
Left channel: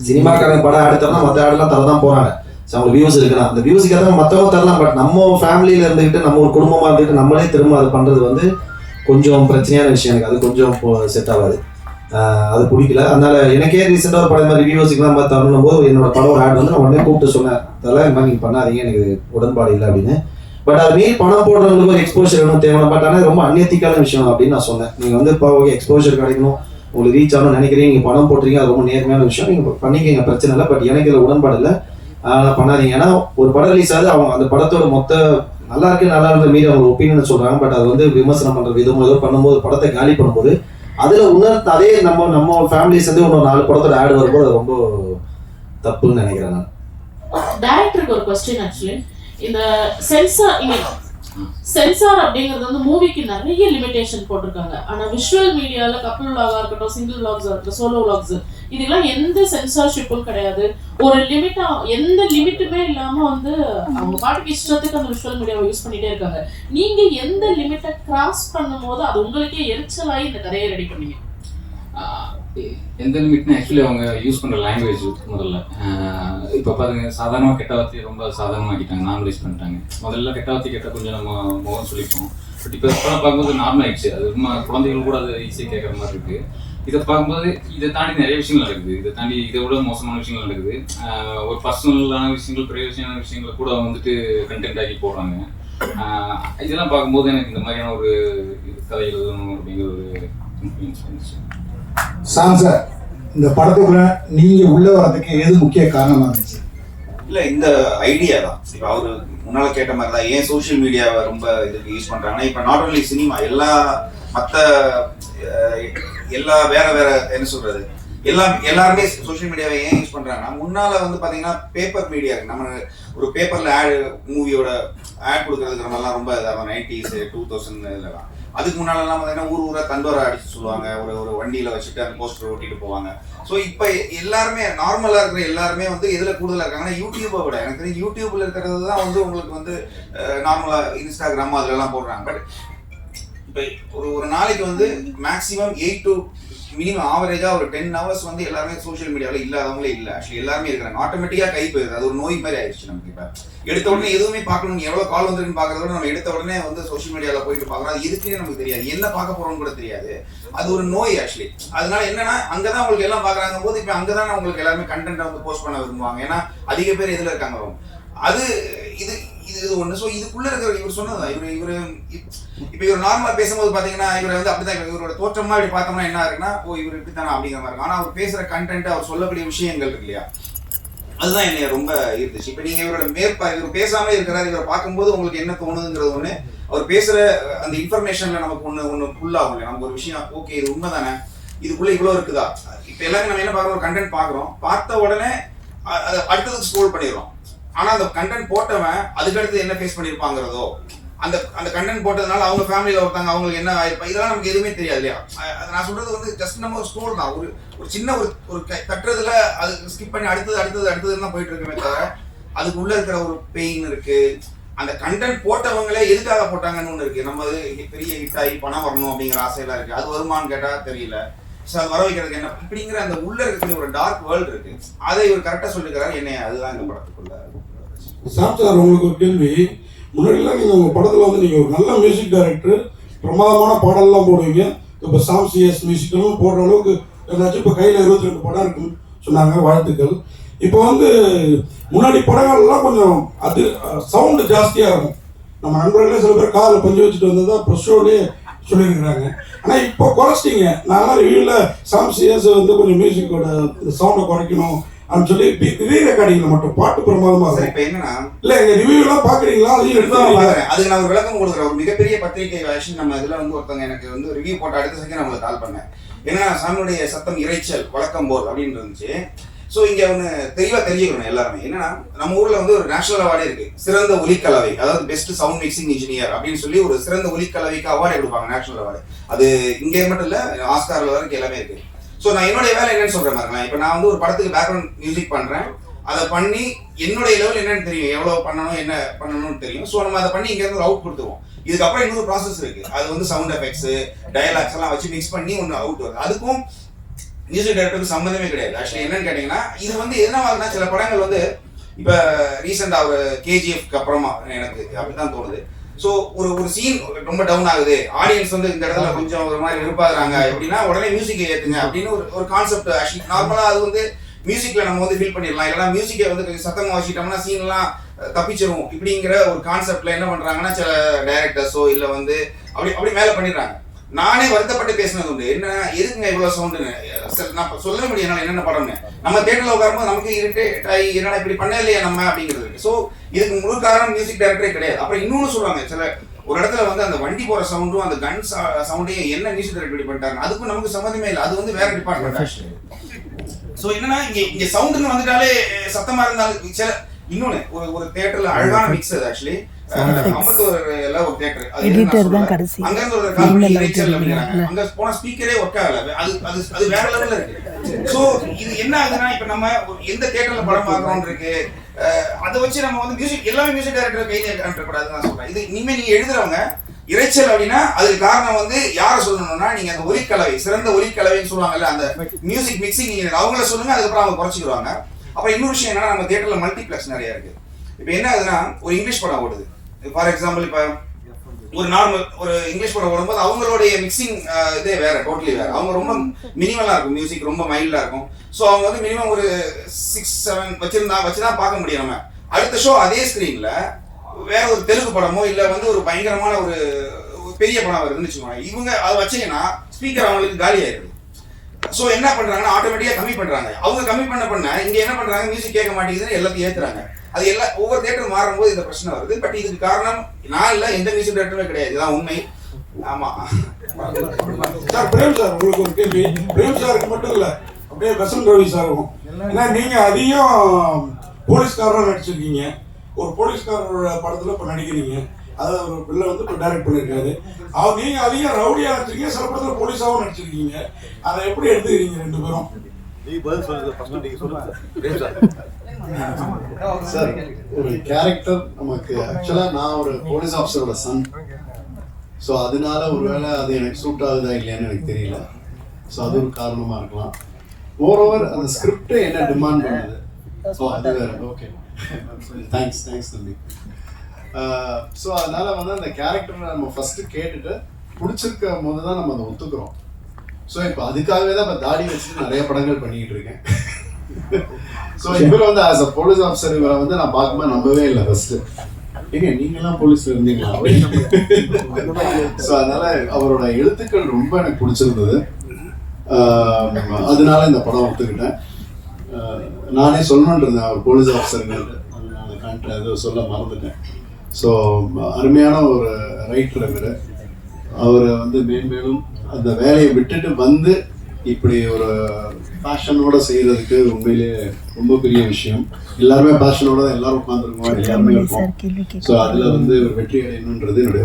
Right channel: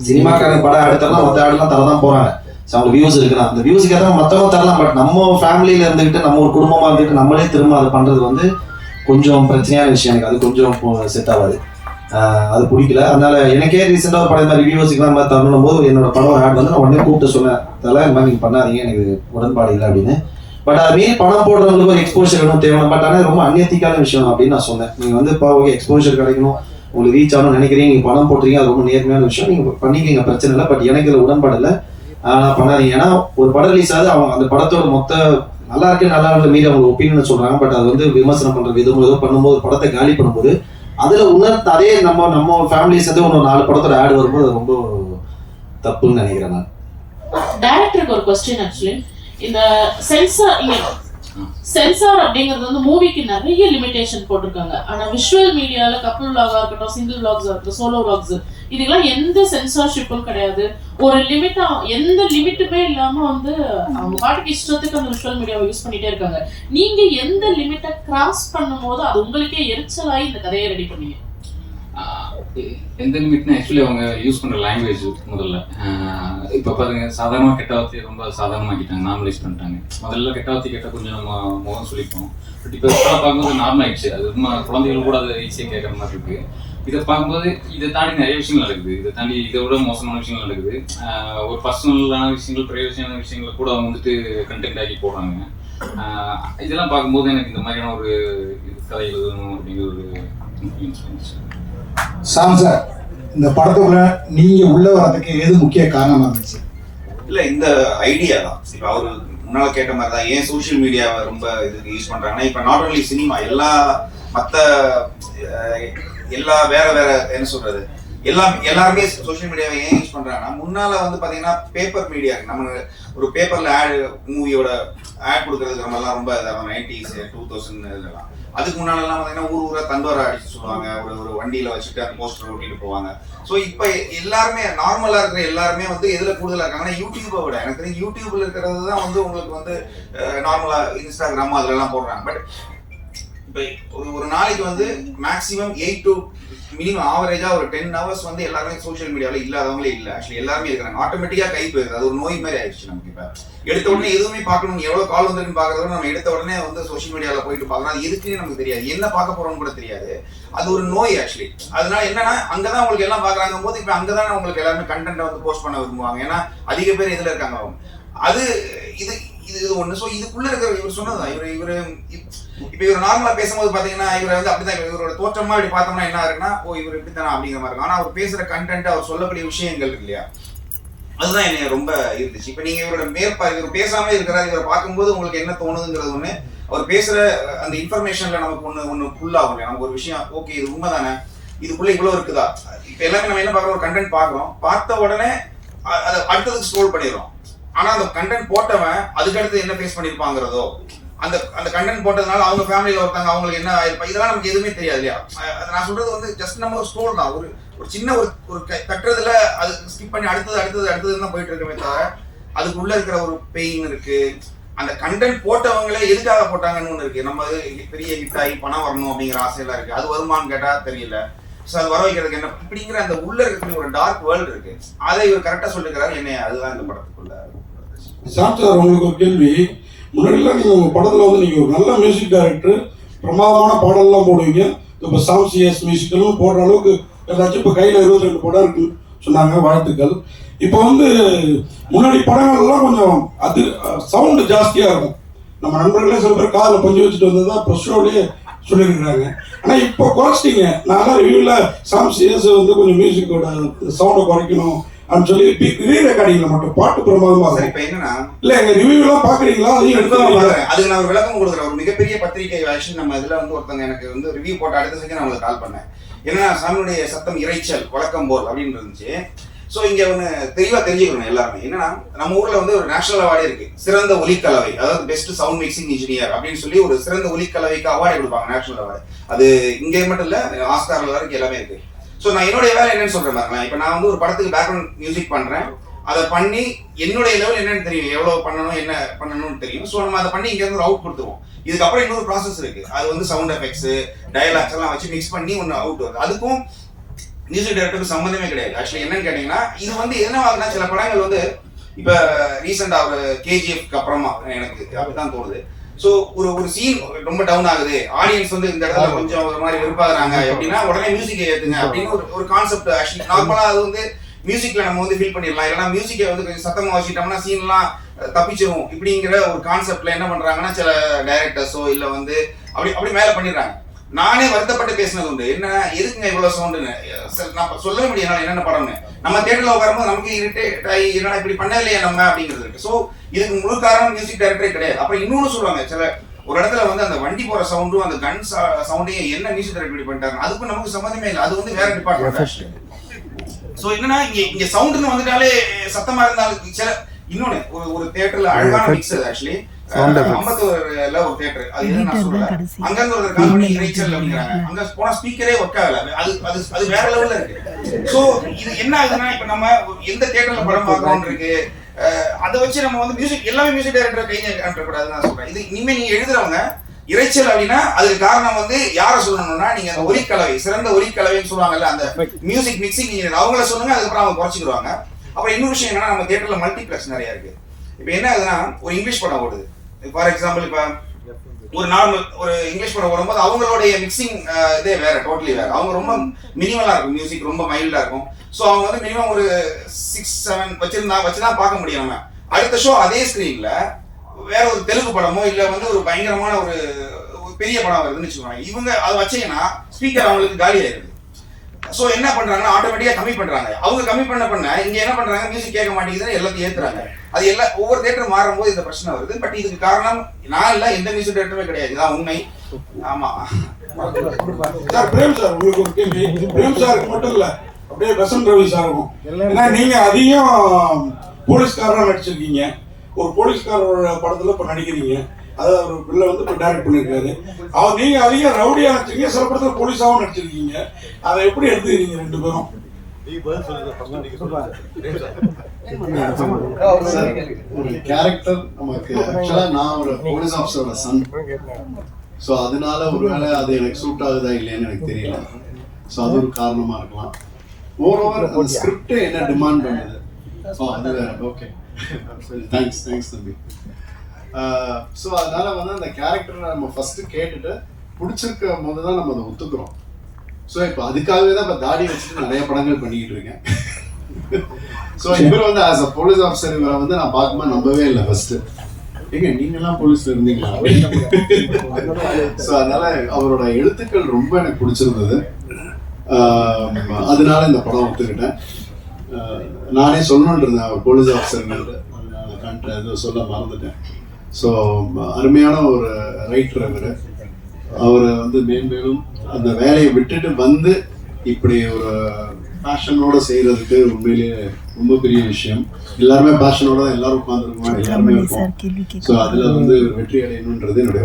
சினிமாக்காரங்க படம் ஆடுத்தரலாம் மத்த ஆடெல்லாம் தரதான் போறாங்க. அவங்க வியூஸ் இருக்கலாம், அந்த வியூஸுக்கு ஏதாவது மற்றவங்க தரலாம். பட் நம்ம ஃபேமிலியில இருந்துகிட்டு நம்ம ஒரு குடும்பமா இருந்துட்டு நம்மளே திரும்ப அதை பண்றது வந்து கொஞ்சம் பிரச்சனையான விஷயம். எனக்கு அது கொஞ்சம் செட் ஆகாது, அது பிடிக்கல. அதனால எனக்கே ரீசெண்டாக படம் ரிவ்யூஸுக்குலாம் மாதிரி தரணும் போது என்னோட படம் ஆட் வந்து நான் உடனே கூப்பிட்டு சொன்னேன், அதெல்லாம் இந்த மாதிரி நீங்கள் பண்ணாதீங்க, எனக்கு உடன்பாடு இல்லை அப்படின்னு. பட் அது மீறி பணம் போடுறவங்களுக்கு ஒரு எக்ஸ்போஷர் வேணும் தேவை. பட் ஆனால் ரொம்ப அந்நியத்திக்கான விஷயம் அப்படின்னு நான் சொன்னேன். நீங்கள் வந்து இப்போ ஓகே எக்ஸ்போஷர் கிடைக்கணும் உங்களுக்கு ரீச் ஆகணும்னு நினைக்கிறீங்க, நீங்கள் பணம் போட்டுறீங்க, அது ரொம்ப நேர்மையான விஷயம், நீங்கள் பண்ணிக்கிங்க பிரச்சனை இல்லை. பட் எனக்கு இதில் உடன்பாடு இல்லை, பண்ணாதீங்க. ஏன்னா ஒரு படம் ரிலீஸ் ஆகுது, அவங்க அந்த படத்தோட மொத்த நல்லா இருக்கு நல்லா இருக்க மீறி அவங்க ஒப்பீனியன் சொல்றாங்க. பட் அது வந்து விமர்சனம் பண்ற விதம் ஏதோ பண்ணும்போது படத்தை காலி பண்ணும்போது அதுல உணர்ந்து அதே நம்ம ஃபேமிலி சேர்ந்து ஒரு 4 படத்தோட ஆட் வரும்போது அது ரொம்ப தப்புன்னு நினைக்கிறேன் நான். டைரக்டருக்கு ஒரு क्वेश्चन ஆக்சுவலி இந்த சென்சார் அப்படிங்கிறது வந்து மூவிக்கு நிறைய லிமிடேஷன் போட்டிருக்காங்க. ஆனா விஷுவல் மீடியால கப்புள் விளாகா இருக்கட்டும், சிங்கிள் விளாக்ஸா இருக்கட்டும், சோலோ விளாக்ஸ் இதுக்கெல்லாம் எந்த சென்சார்ஷிப்பும் கிடையாது. ஒரு லிமிட்டா எந்த லிமிட்டுமே இல்லாம வந்து அவங்க பாட்டுக்கு இஷ்டத்துக்கு அந்த விஷுவல் மீடியாவை யூஸ் பண்ணிட்டே இருக்காங்க. நீங்க எந்த லிமிட்டை கிராஸ் பண்ணும்போது அது உங்களுக்கே எரிச்சலாகி இந்த கதையை ரெடி பண்ணீங்க? எந்த லிமிட்னா ஆக்சுவலி அவங்க யூஸ் பண்ணுற லாங்குவேஜ் முதல்ல இப்போ பாருங்க சாதாரணமாக கெட்ட வார்த்தையை ரொம்ப சாதாரணமாக்கிட்டாங்க, நார்மலைஸ் பண்ணிட்டாங்க. முதல்ல கெட்ட வார்த்தை கேட்டால் கொஞ்சம் நம்ம முகம் சொல்லிப்போம். பட் இப்போ பார்க்கும்போது நார்மல் ஆயிடுச்சு. அது ரொம்ப குழந்தைகள் கூட அதை ஈஸியாக கேட்குற மாதிரி இருக்குது. இதை பார்க்கும்போது இதை தாண்டி நிறைய விஷயங்கள் நடக்குது, இதை தாண்டி இதை விட மோசமான விஷயங்கள் நடக்குது. ஒரு பர்சனலான விஷயங்கள் பிரைவசியான விஷயங்களை கூட வந்துட்டு கண்டென்ட் ஆக்கி போடுறாங்க. இதெல்லாம் பார்க்கும்போது எனக்கு இந்த மாதிரியான ஒரு கதை எழுதணும் அப்படிங்கிற ஒரு இன்ஃப்ளூயன்ஸ் வந்துச்சு. சாம் சார், இந்த படத்துக்குள்ள நீங்க உள்ள வரதுக்கு எது முக்கிய காரணமா இருந்துச்சு? இல்ல இந்த ஐடியா தான். இப்போ அவரு முன்னால கேட்ட மாதிரி தான் ஏன் சோஷியல் மீடியாவை ரொம்ப இதுக்கு யூஸ் பண்றாங்கன்னா இப்போ நாட் ஒன்லி சினிமா எல்லா வேற என்ன சொல்றது எல்லாருமே சோஷியல் மீடியாவை ஏன் யூஸ் பண்றாங்கன்னா முன்னால வந்து பாத்தீங்கன்னா பேப்பர் மீடியா நம்ம ஒரு பேப்பர்ல மூவியோட ஆட் கொடுக்கறதுக்கு நம்ம எல்லாம் ரொம்ப 90s 2000 அதுக்கு முன்னாலெல்லாம் பார்த்தீங்கன்னா ஊரா தண்டோரா அடிச்சு சொல்லுவாங்க, ஒரு வண்டியில வச்சுட்டு அந்த போஸ்டர் ஓட்டிட்டு போவாங்க. ஸோ இப்போ எல்லாருமே நார்மலா இருக்கிற எல்லாருமே வந்து எதுல கூடுதலா இருக்காங்கன்னா யூடியூப்பை விட எனக்கு தெரியும் யூடியூப்ல இருக்கிறது தான் வந்து உங்களுக்கு வந்து நார்மலா இன்ஸ்டாகிராம் அதெல்லாம் போடுறாங்க. பட் இப்போ ஒரு நாளைக்கு வந்து மேக்ஸிமம் 8 to மினிமம் ஆவரேஜா ஒரு 10 hours வந்து எல்லாருமே சோஷியல் மீடியாவில் இல்லாதவங்களே இல்லை. ஆக்சுவலி எல்லாருமே இருக்கிறாங்க. ஆட்டோமேட்டிக்கா கை போயிருது. அது ஒரு நோய் மாதிரி ஆயிடுச்சு நமக்கு. இப்போ எடுத்த உடனே எதுவுமே பார்க்கணும், எவ்வளவு கால் வந்துருக்குன்னு பார்க்கறதோட நம்ம எடுத்த உடனே வந்து சோஷியல் மீடியாவில் போயிட்டு பார்க்கணும். அது எதுக்குன்னு நமக்கு தெரியாது, என்ன பார்க்க போறோம்னு கூட தெரியாது. அது ஒரு நோய் ஆக்சுவலி. அதனால என்னன்னா அங்கதான் உங்களுக்கு எல்லாம் பார்க்கறாங்க போது இப்போ அங்கதான் உங்களுக்கு எல்லாருமே கண்டென்ட்டை வந்து போஸ்ட் பண்ண விரும்புவாங்க. ஏன்னா அதிக பேர் இதுல இருக்காங்க. அது இது இது ஒண்ணு. ஸோ இதுக்குள்ள இருக்கிற இவர் சொன்னதுதான். இவர் இப்ப இவர் நார்மலா பேசும்போது பாத்தீங்கன்னா இவர் வந்து அப்படிதான் இவரோட தோற்றமா இப்படி பார்த்தோம்னா என்ன இருக்குன்னா, ஓ இவர் இப்படித்தானா அப்படிங்கிற மாதிரி இருக்கும். ஆனா அவர் பேசுற கண்டென்ட், அவர் சொல்லக்கூடிய விஷயங்கள் இருக்கு இல்லையா, அதுதான் என்னைய ரொம்ப இருந்துச்சு. இப்ப நீங்க இவரோட இவர் பேசாம இருக்கிறாரு, இவரை பார்க்கும்போது உங்களுக்கு என்ன தோணுதுங்கிறது ஒண்ணு, அவர் பேசுற அந்த இன்ஃபர்மேஷன்ல நமக்கு ஒண்ணு ஃபுல் ஆகும். நமக்கு ஒரு விஷயம் ஓகே இது உண்மைதானே, இதுக்குள்ள இவ்வளவு இருக்குதா. இப்ப எல்லாமே நம்ம என்ன பார்க்கறோம், ஒரு கண்டென்ட் பார்க்கறோம், பார்த்த உடனே அதை அடுத்ததுக்கு ஸ்க்ரோல் பண்ணிடுறோம். ஆனா அந்த கண்டென்ட் போட்டவன் அதுக்கடுத்து என்ன ஃபேஸ் பண்ணிருப்பாங்கிறதோ, அந்த அந்த கண்டென்ட் போட்டதுனால அவங்க ஃபேமிலியில ஒருத்தாங்க அவங்களுக்கு என்ன ஆயிருப்பா, இதெல்லாம் நமக்கு எதுவுமே தெரியாது இல்லையா. நான் சொல்றது வந்து ஜஸ்ட் நம்ம ஒரு ஸ்க்ரோல் தான், ஒரு சின்ன ஒரு தட்டுறதுல அது ஸ்கிப் பண்ணி அடுத்தது தான் போயிட்டு இருக்கவே தவிர அதுக்குள்ள இருக்கிற ஒரு பெயின் இருக்கு. அந்த கண்டென்ட் போட்டவங்களே எதுக்காக போட்டாங்கன்னு ஒண்ணு இருக்கு. நம்ம பெரிய ஹிட் ஆகி பணம் வரணும் அப்படிங்கிற ஆசையெல்லாம் இருக்கு. அது வருமானு கேட்டா தெரியல. ஸோ அது வர வைக்கிறதுக்கு என்ன இப்படிங்கிற அந்த உள்ள இருக்கக்கூடிய ஒரு டார்க் வேர்ல்டு இருக்கு. அதை இவர் கரெக்டா சொல்லிக்கிறாரு. என்ன அதுதான் இந்த படத்துக்குள்ள. சார் உங்களுக்கு ஒரு கேள்வி. முன்னாடிலாம் நீங்கள் உங்கள் படத்தில் வந்து நீங்கள் ஒரு நல்ல மியூசிக் டைரக்டர், பிரமாதமான பாடல்லாம் போடுவீங்க. இப்போ சாம் சிஎஸ் மியூசிக்கலும் போடுற அளவுக்கு ஏதாச்சும் இப்போ கையில் 22 படம் இருக்குன்னு சொன்னாங்க, வாழ்த்துக்கள். இப்போ வந்து முன்னாடி படங்கள்லாம் கொஞ்சம் அது சவுண்டு ஜாஸ்தியாக இருக்கும். நம்ம நண்பர்களே சில பேர் காதில் பஞ்சு வச்சுட்டு வந்ததா இப்போ ஷோலேயே சொல்லியிருக்கிறாங்க. ஆனால் இப்போ குறைச்சிட்டிங்க. நான் ரிவ்யூவில் சாம் சிஎஸ் வந்து கொஞ்சம் மியூசிக்கோட சவுண்டை குறைக்கணும் அப்படின்னு சொல்லி ரீ ரெக்கார்டிங்ல மட்டும் பாட்டு பிரமாதமா இருக்கும். இப்போ என்னன்னா இல்ல எங்க ரிவ்யூ எல்லாம் பாக்குறீங்களா? அது நான் ஒரு விளக்கம் கொடுக்குறேன். ஒரு மிகப்பெரிய பத்திரிகை ஆக்ஷன் நம்ம இதுல வந்து ஒருத்தவங்க எனக்கு வந்து ரிவ்யூ போட்ட அடுத்த செகண்ட் நான் உங்களுக்கு கால் பண்ணேன். ஏன்னா சாமியுடைய சத்தம் இறைச்சல் வழக்கம் போல் அப்படின்னு இருந்துச்சு. ஸோ இங்க ஒன்று தெளிவா தெரிஞ்சுக்கணும் எல்லாருமே. என்னன்னா நம்ம ஊர்ல வந்து ஒரு நேஷனல் அவார்டே இருக்கு, சிறந்த ஒலிக்கலவை, அதாவது பெஸ்ட் சவுண்ட் மிக்சிங் இன்ஜினியர் அப்படின்னு சொல்லி ஒரு சிறந்த ஒலிக்கலவைக்கு அவார்டு கொடுப்பாங்க, நேஷனல் அவார்டு. அது இங்கே மட்டும் இல்ல, ஆஸ்கார் வரைக்கும் எல்லாமே இருக்கு. ஸோ நான் என்னுடைய வேலை என்னன்னு சொல்றேன் பாருங்களேன். இப்போ நான் வந்து ஒரு படத்துக்கு பேக்ரவுண்ட் மியூசிக் பண்றேன், அதை பண்ணி என்னுடைய லெவல் என்னன்னு தெரியும், எவ்வளவு பண்ணணும் என்ன பண்ணணும்னு தெரியும். ஸோ நம்ம அதை பண்ணி இங்க இருந்து ஒரு அவுட் கொடுத்துருவோம். இதுக்கப்புறம் இன்னொரு ப்ராசஸ் இருக்கு, அது வந்து சவுண்ட் எஃபெக்ட்ஸ் டயலாக்ஸ் எல்லாம் வச்சு மிக்ஸ் பண்ணி ஒன்று அவுட் வருது. அதுக்கும் மியூசிக் டைரக்டருக்கு சம்மந்தமே கிடையாது. ஆக்சுவலி என்னன்னு கேட்டீங்கன்னா இது வந்து என்ன ஆகுதுன்னா, சில படங்கள் வந்து இப்ப ரீசெண்டா ஒரு கேஜிஎஃப்க்கு அப்புறமா எனக்கு அப்படிதான் தோணுது. ஸோ ஒரு சீன் ரொம்ப டவுன் ஆகுது, ஆடியன்ஸ் வந்து இந்த இடத்துல கொஞ்சம் ஒரு மாதிரி விருப்பாகிறாங்க அப்படின்னா உடனே மியூசிக்கை ஏற்றுங்க அப்படின்னு ஒரு கான்செப்ட். ஆக்சுவலி நார்மலா அது வந்து மியூசிக்ல நம்ம வந்து ஃபீல் பண்ணிடலாம். இல்லைன்னா மியூசிக்கை வந்து கொஞ்சம் சத்தமாக வச்சுட்டோம்னா சீன்லாம் தப்பிச்சிரும் இப்படிங்கிற ஒரு கான்செப்ட்ல என்ன பண்றாங்கன்னா சில டைரக்டர்ஸோ இல்லை வந்து அப்படி மேலே பண்ணிடுறாங்க. நானே வருத்தப்பட்டு பேசினது உண்டு, என்ன எதுக்குங்க இவ்வளவு சவுண்டுன்னு. நான் சொல்ல முடியும் என்னென்ன படம்னு. நம்ம தியேட்டர்ல உட்காரும்போது நமக்கு இரிட்டேட் ஆகி என்னடா இப்படி பண்ண இல்லையா நம்ம அப்படிங்கிறது இருக்கு. ஸோ இதுக்கு முழு காரணம் மியூசிக் டைரக்டரே கிடையாது. அப்புறம் இன்னொன்று சொல்லுவாங்க, சில ஒரு இடத்துல வந்து அந்த வண்டி போற சவுண்டும் அந்த கன் சவுண்டையும் என்ன மியூசிக் டைரக்டர் இப்படி பண்ணிட்டாங்க, அதுக்கும் நமக்கு சம்மந்தமே இல்லை. அது வந்து வேற டிபார்ட்மெண்ட். ஸோ என்னன்னா இங்க சவுண்டுன்னு வந்துட்டாலே சத்தமா இருந்தாலும் சில இன்னொன்னு ஒரு தியேட்டர்ல அழகான மிக்ஸ். ஆக்சுவலி அம்பத்தூர்ல ஒரு தியேட்டர், அங்க ஒரு காமெடி இறைச்சல் அப்படிங்கிறாங்க, அங்க போன ஸ்பீக்கரே ஒர்க் ஆகல. அது வேற லெவல்ல இருக்கு. சோ இது என்ன ஆகுதுன்னா, இப்ப நம்ம எந்த தியேட்டர்ல படம் பார்க்கறோம் இருக்கு, அதை வச்சு நம்ம வந்து மியூசிக் எல்லாமே மியூசிக் டைரக்டர் கை காட்டக்கூடாதுன்னு நான் சொல்றேன். இது இனிமே நீங்க எழுதுறவங்க இறைச்சல் அப்படின்னா அதுக்கு காரணம் வந்து யாரை சொல்லணும்னா, நீங்க அந்த ஒலிக்கலவை, சிறந்த ஒலிக்கலவைன்னு சொல்லுவாங்கல்ல, அந்த மியூசிக் மிக்சிங் அவங்கள சொல்லுங்க, அதுக்கப்புறம் அவங்க குறைச்சிடுவாங்க. அப்புறம் இன்னொரு விஷயம் என்னன்னா, நம்ம தியேட்டர்ல மல்டிபிளெக்ஸ் நிறைய இருக்கு. இப்ப என்ன ஆகுதுன்னா, ஒரு இங்கிலீஷ் படம் ஓடுது ஃபார் எக்ஸாம்பிள், இப்ப ஒரு நார்மல் ஒரு இங்கிலீஷ் படம் ஓடும்போது அவங்களுடைய மிக்சிங் இதே வேற, டோட்டலி வேற. அவங்க ரொம்ப மினிமலா இருக்கும், மியூசிக் ரொம்ப மைல்டா இருக்கும். ஸோ அவங்க வந்து மினிமம் ஒரு 6-7 வச்சுதான் பார்க்க முடியும். நம்ம அடுத்த ஷோ அதே ஸ்கிரீன்ல வேற ஒரு தெலுங்கு படமோ இல்ல வந்து ஒரு பயங்கரமான ஒரு பெரிய படம் வருதுன்னு வச்சுக்கோங்க, இவங்க அதை வச்சீங்கன்னா ஸ்பீக்கர் அவங்களுக்கு காலி ஆயிடுது. ஸோ என்ன பண்றாங்கன்னா ஆட்டோமேட்டிக்கா கம்மி பண்றாங்க. அவங்க கம்மி பண்ண இங்க என்ன பண்றாங்க, மியூசிக் கேட்க மாட்டேங்குதுன்னு எல்லாத்தையும் ஏத்துறாங்க. அது எல்லாம் ஒவ்வொரு தியேட்டர் மாறும்போது இந்த பிரச்சனை வருது. பட் இதுக்கு காரணம் நான் இல்ல, எந்த மியூசிக் டைரக்டருமே கிடையாது, இதுதான் உண்மை. ஆமா சார், பிரேம் சார் உங்களுக்கு ஒரு கேள்வி. பிரேம் சாருக்கு மட்டும் இல்ல, அப்படியே வசந்த் ரவி சாருக்கும். ஏன்னா நீங்க அதிகம் போலீஸ்காரராக நடிச்சிருக்கீங்க, ஒரு போலீஸ்காரோட படத்துல இப்ப நடிக்கிறீங்க, அதாவது ஒரு பிள்ளை வந்து இப்போ டைரக்ட் பண்ணியிருக்காரு. அவர் நீங்க அதிகம் ரவுடியா நடிச்சிருக்கீங்க, சில படத்துல போலீஸாவும் நடிச்சிருக்கீங்க. அதை எப்படி எடுத்துக்கிறீங்க ரெண்டு பேரும்? ஒரு கேரக்டர் நமக்கு ஆக்சுவலா நான் ஒரு போலீஸ் ஆஃபீஸரோட சன். ஸோ அதனால ஒருவேளை அது எனக்கு சூட் ஆகுதா இல்லையான்னு எனக்கு தெரியல. ஸோ அது ஒரு காரணமாக இருக்கலாம். ஓவரோவர் அந்த ஸ்கிரிப்டே என்ன டிமாண்ட் பண்ணுது. ஸோ அது ஓகே, தேங்க்ஸ் தம்பி. ஸோ அதனால வந்து அந்த கேரக்டரை நம்ம ஃபஸ்ட்டு கேட்டுட்டு பிடிச்சிருக்க போது தான் நம்ம அதை ஒத்துக்கிறோம். ஸோ இப்போ அதுக்காகவே தான் இப்போ தாடி வச்சுட்டு நிறைய படங்கள் பண்ணிக்கிட்டு இருக்கேன். ஸோ இவர் வந்து ஆஸ் அ போலீஸ் ஆஃபீஸர் இவரை வந்து நான் பார்க்கும்போது நம்பவே இல்லை ஃபர்ஸ்ட். ஏங்க நீங்களாம் போலீஸ்ல இருந்தீங்களா? ஸோ அதனால அவரோட எழுத்துக்கள் ரொம்ப எனக்கு பிடிச்சிருந்தது. அதனால இந்த படம் ஒத்துக்கிட்டேன். நானே சொல்லணும்னு இருந்தேன் அவர் போலீஸ் ஆஃபீஸருங்கள்ட்டு, அது சொல்ல மறந்துட்டேன். ஸோ அருமையான ஒரு ரைட்டர் இவர். அவரை வந்து மேன்மேலும் அந்த வேலையை விட்டுட்டு வந்து இப்படி ஒரு பேஷனோட செய்யறதுக்கு உண்மையிலேயே ரொம்ப பெரிய விஷயம். எல்லாருமே பேஷனோட தான் எல்லாரும் உட்காந்துருக்கோம், எல்லாருமே இருக்கும். ஸோ அதுல வந்து வெற்றி அடையணுன்றது என்னுடைய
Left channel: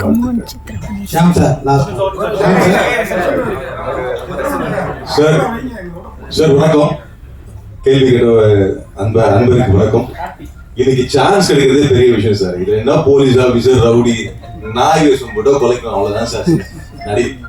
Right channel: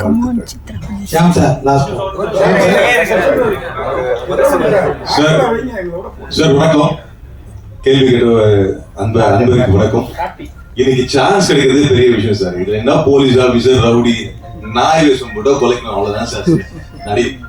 சார். வணக்கம். கேள்வி கேட்ட அன்பருக்கு வணக்கம். இன்னைக்கு சான்ஸ் கிடைக்கிறதே பெரிய விஷயம் சார். இதுல என்ன போலீஸ் ஆபீசர் ரவுடி நாய் வேஷம் போட்டோ கொலைக்கணும், அவ்வளவுதான் சார்.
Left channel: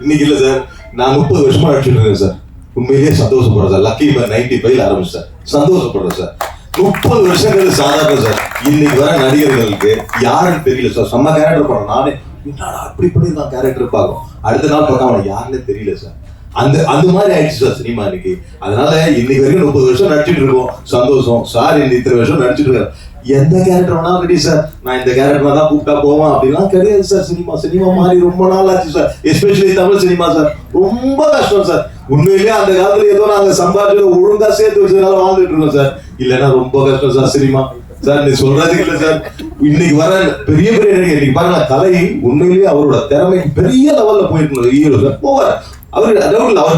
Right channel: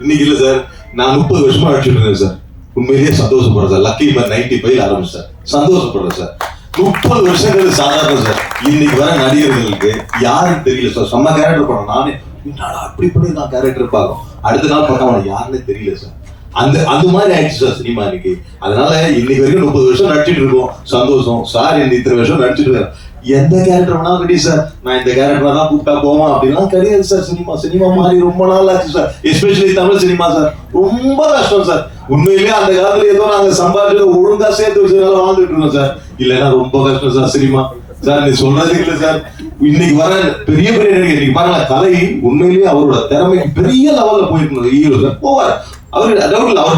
இன்னைக்கு இல்ல சார், நான் 30 வருஷமா அடிச்சுட்டு இருக்கேன் சார். உண்மையிலேயே சந்தோஷப்படுறேன் சார். லக்கி 95 ஆரம்பிச்சு சார். சந்தோஷப்படுறேன் சார். 30 வருஷங்கள் சாதாரண சார். இன்னைக்கு வர நடிகர்களுக்கு யாரும் தெரியல சார். செம்ம கேரக்டர் படம், நானே என்னடா அப்படி பண்ணி நான் கேரக்டர் பார்க்கும், அடுத்த நாள் பார்த்தா அவனுக்கு யாருன்னே தெரியல சார். அந்த மாதிரி ஆயிடுச்சு சார் சினிமா இன்னைக்கு. அதனால இன்னைக்கு வரைக்கும் 30 வருஷம் நடிச்சிட்டு இருக்கோம், சந்தோஷம் சார். இத்தனை வருஷம் நடிச்சிட்டு இருக்கேன், எந்த கேரக்டர் வேணாலும் ரெடி சார். நான் இந்த கேரக்டர் தான் கூப்பிட்டா போவேன் அப்படிலாம் கிடையாது சார். சினிமா மாதிரி ரொம்ப நாள் ஆச்சு sir. Especially Tamil cinema sir ரொம்ப கஷ்டம் சார். உண்மையிலேயே அந்த காலத்துல ஏதோ நாங்க சம்பாதிச்சு ஒழுங்கா சேர்த்து வச்சதுனால வாழ்ந்துட்டு இருக்கோம் சார். இல்லைன்னா ரொம்ப கஷ்டம் சார் சினிமா சார். நீ சொல்றது இல்லை சார். இன்னைக்கு வர பெரிய நடிகர் இன்னைக்கு பாருங்க, கலை உண்மையிலேயே அவரோட திறமை பெரிய லெவல்ல போயிருக்கணும் ஹீரோ சார். போவார் அவர்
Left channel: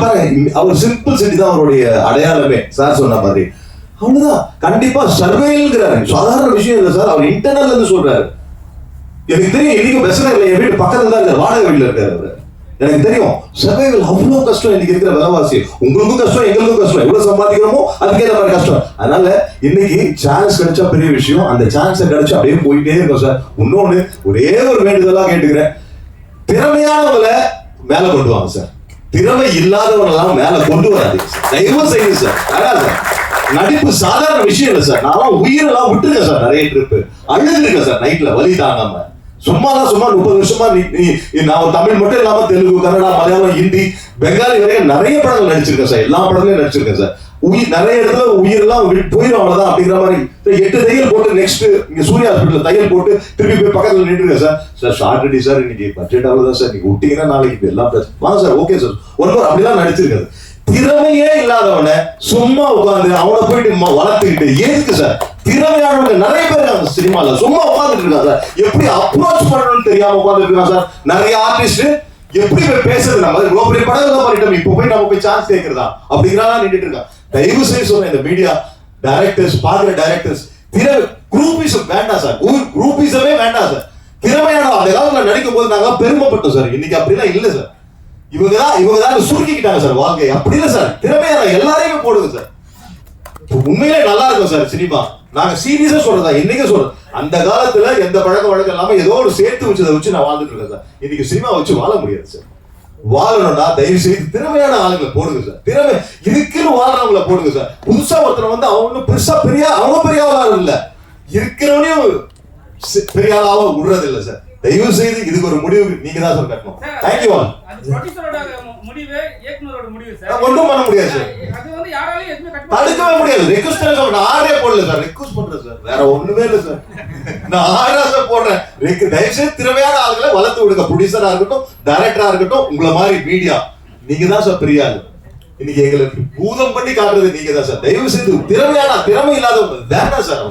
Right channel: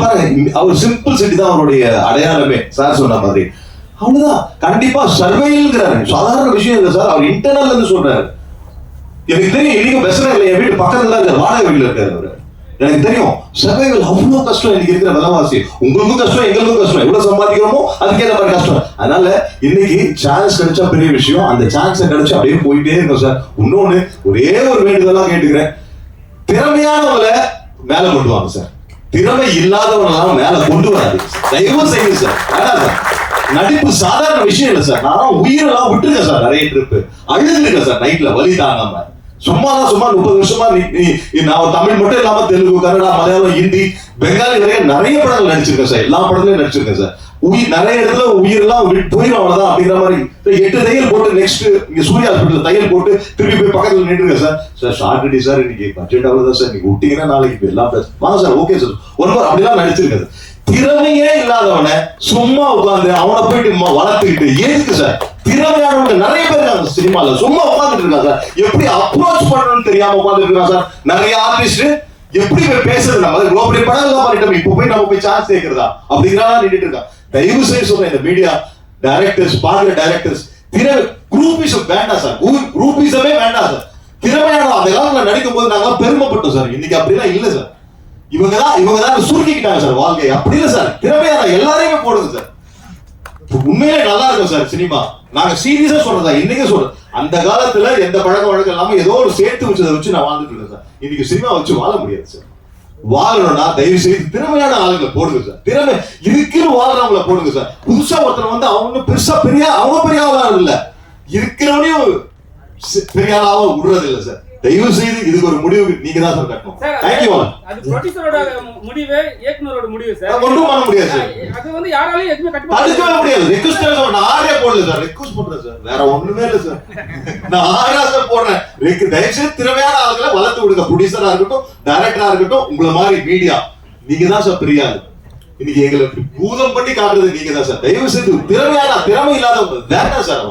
பாருங்க, அவர் சிம்பிள் சிட்டி தான் அவருடைய அடையாளமே சார் சொன்ன மாதிரி. அவ்வளவுதான். கண்டிப்பா சர்வேங்கிறாரு, சாதாரண விஷயம் இல்லை சார். அவர் இன்டர்னல் இருந்து சொல்றாரு. எனக்கு தெரியும் இன்னைக்கு பிரச்சனை இல்லை, என் வீட்டு பக்கத்துல தான் இருக்காரு, வாடகை வீட்டுல இருக்காரு அவரு. எனக்கு தெரியும் சர்வைவல் அவ்வளவு கஷ்டம் இன்னைக்கு இருக்கிற விலைவாசி. உங்களுக்கும் கஷ்டம், எங்களுக்கும் கஷ்டம். எவ்வளவு சம்பாதிக்கிறோமோ அதுக்கேற்ற மாதிரி கஷ்டம். அதனால இன்னைக்கு சான்ஸ் கிடைச்சா பெரிய விஷயம். அந்த சான்ஸ் கிடைச்சா அப்படியே போயிட்டே இருக்கும் சார். இன்னொன்னு ஒரே ஒரு வேண்டுதலா கேட்டுக்கிறேன், திறமையானவங்களை மேல கொண்டு வாங்க சார். திறமை இல்லாதவங்க மேல கொண்டு வராது. தயவு செய்யுங்க சார். அதான் சார், நடிப்பு சாதாரண விஷயம் இல்லை சார். நான் உயிரெல்லாம் விட்டுருக்கேன் சார். நிறைய ட்ரிப்பு அழுதுருக்கேன் சார் நைட்ல வலி தாங்காம. சும்மா 30 வருஷமா நான் தமிழ் மட்டும் இல்லாம தெலுங்கு, கன்னடா, மலையாளம், ஹிந்தி, பெங்காலி நிறைய படங்கள் நடிச்சிருக்கேன் சார். எல்லா படங்களையும் நடிச்சிருக்கேன் சார். நிறைய இடத்துல உயிரெல்லாம் போயிடும் அவ்வளவுதான் அப்படிங்கிற மாதிரி 8 தையல் போட்டு நெக்ஸ்ட் இங்க சூர்யா ஹாஸ்பிட்டல் தையல் போட்டு திருப்பி போய் பக்கத்துல நின்றுருக்கேன் சார். சார் ஷார்ட் அடி சார், இன்னைக்கு பட்ஜெட் அவ்வளவுதான் சார். நீங்க விட்டீங்கன்னா நாளைக்கு எல்லாம் வாங்க சார். Okay sir. ஒரு அப்படிலாம் நடிச்சிருக்காது. திறமையே இல்லாதவனை சும்மா உட்காந்து அவனை போயிட்டு வளர்த்துக்கிட்டு எதுக்கு சார்? திறமையானவங்க நிறைய பேர் இருக்காங்க சினிமால, சும்மா உட்காந்துட்டு இருக்காங்க சார். எப்படி அப்ரோச் பண்ணணும்னு தெரியாம உட்காந்துட்டு இருக்காங்க சார். நிறைய ஆர்டிஸ்ட் எப்படி போய் பேசுறது, இவ்வளவு பெரிய படம் எல்லாம் பண்ணிட்டோம், இப்போ போய் நம்ம போய் சான்ஸ் கேட்கிறதா அப்படிங்கிறதா நின்றுட்டு இருக்காங்க. தயவு செய்து சொல்றேன், இந்த மீடியா டைரக்டர்ஸ், பாக்குற டைரக்டர்ஸ், குரூப்பிசம் வேண்டாம் சார். குரூப்பிசமே வேண்டாம் சார். திறமையான அந்த காலத்துல நடிக்கும் போது நாங்க பெருமைப்பட்டோம் சார். இன்னைக்கு அப்படிலாம் இல்ல சார். இவங்க தான் சுருக்கிக்கிட்டாங்க சார் வாழ்க்கை. அப்படி இல்லை சார். திறமையான எல்லாரையுமே போடுங்க சார். உண்மையிலே நல்லா இருக்கும் சார் சினிமா. நாங்க சீரியஸா சொல்றதா, இன்னைக்கு சொல்றேன். அந்த காலத்துல எந்த பழக்க வழக்கம் இல்லாம ஏதோ ஒரு சேர்த்து வச்சதை வச்சு நான் வாழ்ந்துட்டு இருக்கேன் சார். இன்னைக்கு சினிமா வச்சு வாழ முடியாது சார். வாழணும்னா தயவு செய்து திறமையான ஆளுங்களை போடுங்க சார். திறமை இருக்குன்னு வாழ்றவங்களை போடுங்க சார். புதுசா ஒருத்தர் வந்து அவங்க பெருசா அவங்க பெரிய ஆளாக இல்ல, இருக்கிறவனையும் பெரிய ஆளாக விடுறது இல்லை சார். தயவு செய்து இதுக்கு ஒரு முடிவு நீங்க தான் சார் கட்டணும். Thank you all. அது ப்ரொடியூசரோட முடிவு, இயக்குனரோட முடிவு சார். நான் ஒண்ணும் பண்ண முடியாது சார். அது வந்து யாராலயும் எதுமே கட்ட முடியாது. ரிக்வெஸ்ட் பண்ண நான் ஆரே போடல சார். ரிக்வெஸ்ட் பண்றேன் சார். வேற ஒண்ணுமே இல்ல சார். நான் ஆரா சார் போடுறேன். தயவு செய்து திறமையான ஆளுகளை வளர்த்து விடுங்க. ப்ரொடியூசரா இருக்கட்டும், டைரக்டரா இருக்கட்டும், உங்களை மாதிரி மீடியா நீங்க தான் சார் பெரிய ஆளு. இன்னைக்கு எங்களுக்கு பூதம் பண்ணி காட்டுறது நீங்க தான் சார். தயவு செய்து திறமை இல்லாதவங்க வேண்டாம் சார்.